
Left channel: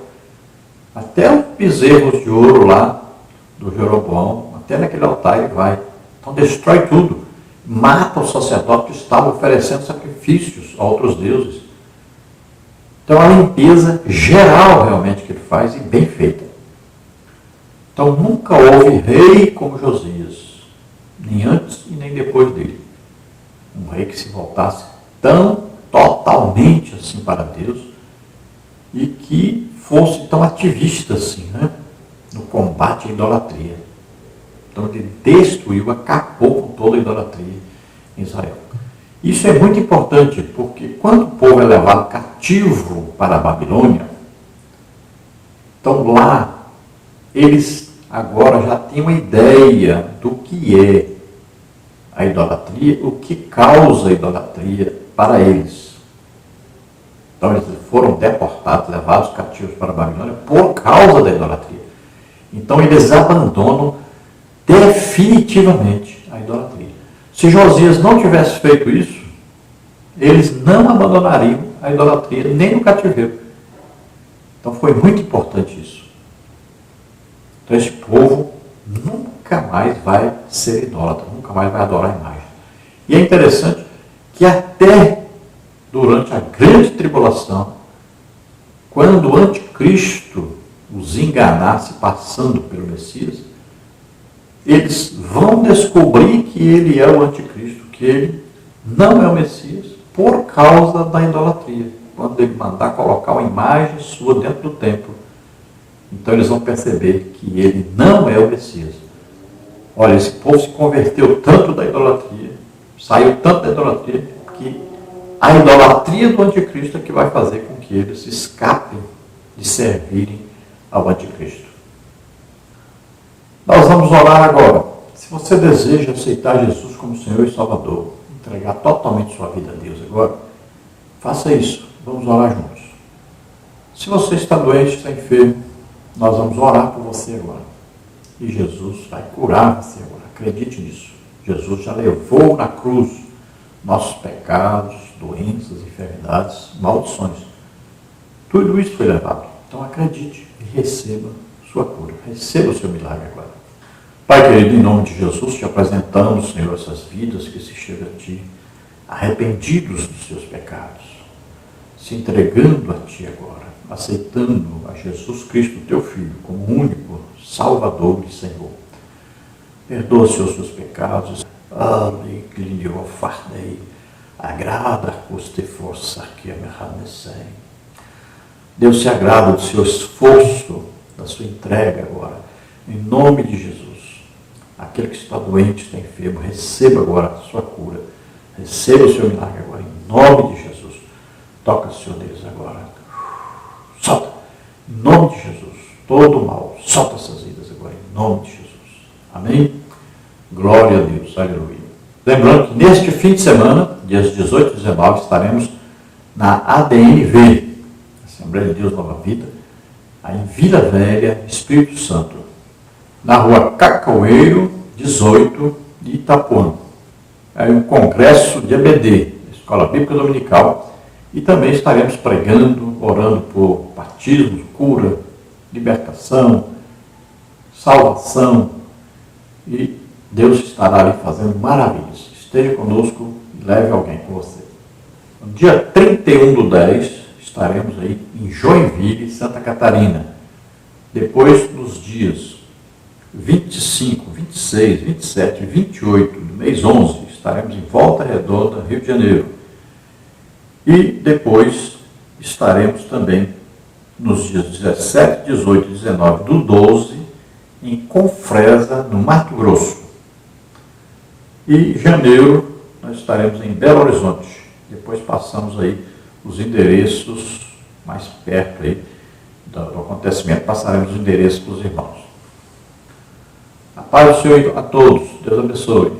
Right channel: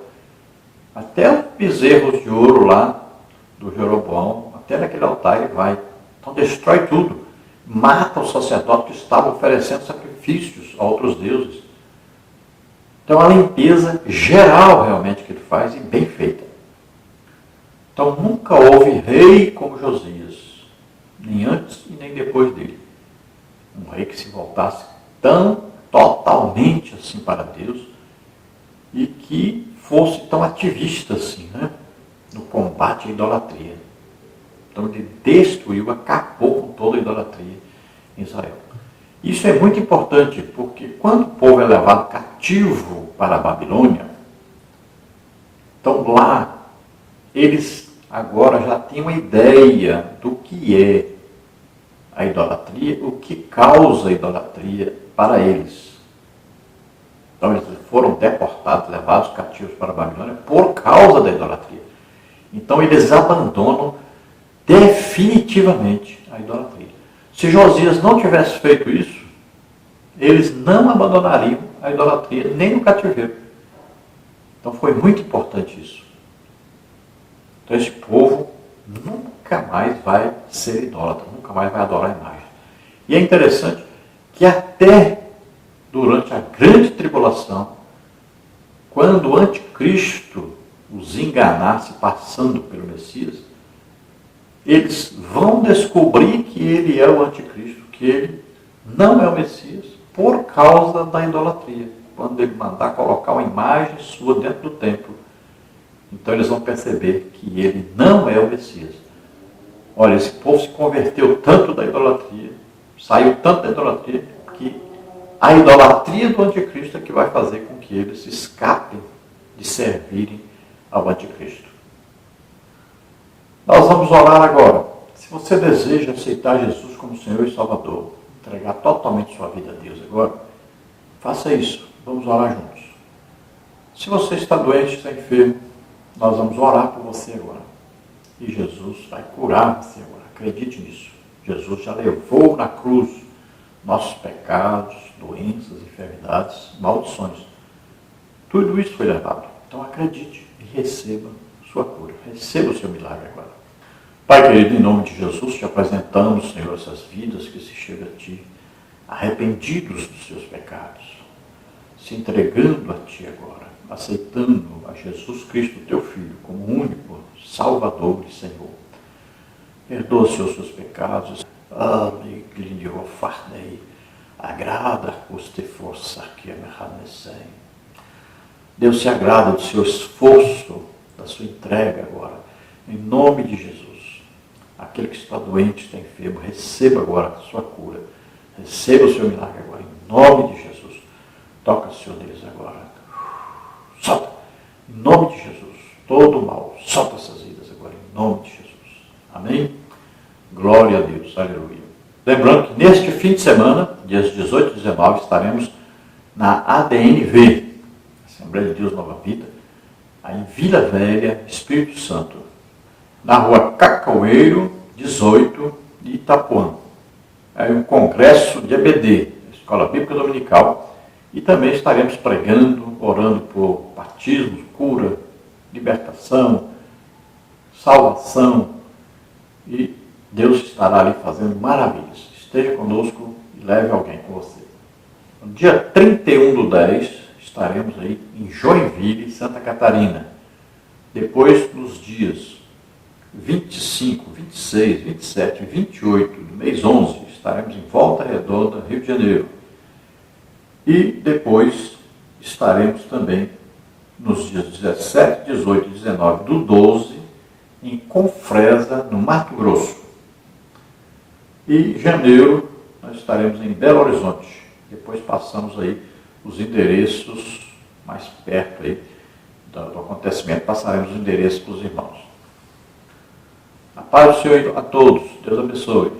Até os bezerros de ouro lá do Jeroboão, até naquele altar ele vai. Então destrói tudo. Mata os sacerdotes que estavam oferecendo sacrifícios a outros deuses. Então a limpeza geral realmente que ele faz e bem feita. Então nunca houve rei como Josias, nem antes e nem depois dele. Um rei que se voltasse tão totalmente assim para Deus e que fosse tão ativista assim, né? No combate à idolatria. Então ele destruiu, acabou com toda a idolatria em Israel. Isso é muito importante, porque quando o povo é levado cativo para a Babilônia, então lá eles agora já têm uma ideia do que é a idolatria, o que causa a idolatria para eles. Então eles foram deportados, levados cativos para a Babilônia por causa da idolatria. Então eles abandonam definitivamente a idolatria. Se Josias não tivesse feito isso, eles não abandonariam a idolatria nem no cativeiro. Então foi muito importante isso. Então esse povo nunca mais vai ser idólatra, nunca mais vai adorar a imagem. E é interessante que até durante a grande tribulação, quando o anticristo os enganasse passando pelo Messias, eles vão descobrir que ele é o anticristo, que ele não é o Messias, por causa da idolatria. Quando ele mandar colocar uma imagem sua dentro do templo, então eles vão perceber que ele não é o Messias. Olha, esse povo se converteu tanto da idolatria, saiu tanto da idolatria, que a idolatria do anticristo é que vai fazer com que eles escapem de servirem ao anticristo. Nós vamos orar agora. Se você deseja aceitar Jesus como Senhor e Salvador, entregar totalmente sua vida a Deus agora, faça isso. Vamos orar juntos. Se você está doente, está enfermo, nós vamos orar por você agora. E Jesus vai curar você agora. Acredite nisso. Jesus já levou na cruz nossos pecados, doenças, enfermidades, maldições. Tudo isso foi levado. Então acredite e receba sua cura. Receba o seu milagre agora. Pai querido, em nome de Jesus, te apresentamos, Senhor, essas vidas que se chegam a Ti, arrependidos dos seus pecados, se entregando a Ti agora, aceitando a Jesus Cristo, Teu Filho, como único Salvador e Senhor. Perdoa, Senhor, os seus pecados. agrada custe força que me harnessei. Deus se agrada do seu esforço, da sua entrega agora, em nome de Jesus. Aquele que está doente, está enfermo, receba agora a sua cura, receba o seu milagre agora, em nome de Jesus. Toca, Senhor Deus, agora. Solta, em nome de Jesus, todo o mal, solta essas vidas agora, em nome de Jesus. Amém? Glória a Deus, aleluia. Lembrando que neste fim de semana, dias 18 e 19, estaremos na ADNV, Assembleia de Deus Nova Vida, aí em Vila Velha, Espírito Santo, na rua Cacaueiro, 18, de Itapuã. É um congresso de EBD, Escola Bíblica Dominical, e também estaremos pregando, orando por batismo, cura, libertação, salvação, e Deus estará ali fazendo maravilhas. Esteja conosco e leve alguém com você. No dia 31/10, estaremos aí em Joinville, Santa Catarina. Depois, nos dias 25, 26, 27 e 28 do mês 11, estaremos em Volta Redonda, Rio de Janeiro. E depois estaremos também nos dias 17, 18 e 19 do 12, em Confresa, no Mato Grosso. E em janeiro nós estaremos em Belo Horizonte. Depois passamos aí os endereços mais perto aí do acontecimento, passaremos os endereços para os irmãos. A paz do Senhor a todos. Deus abençoe.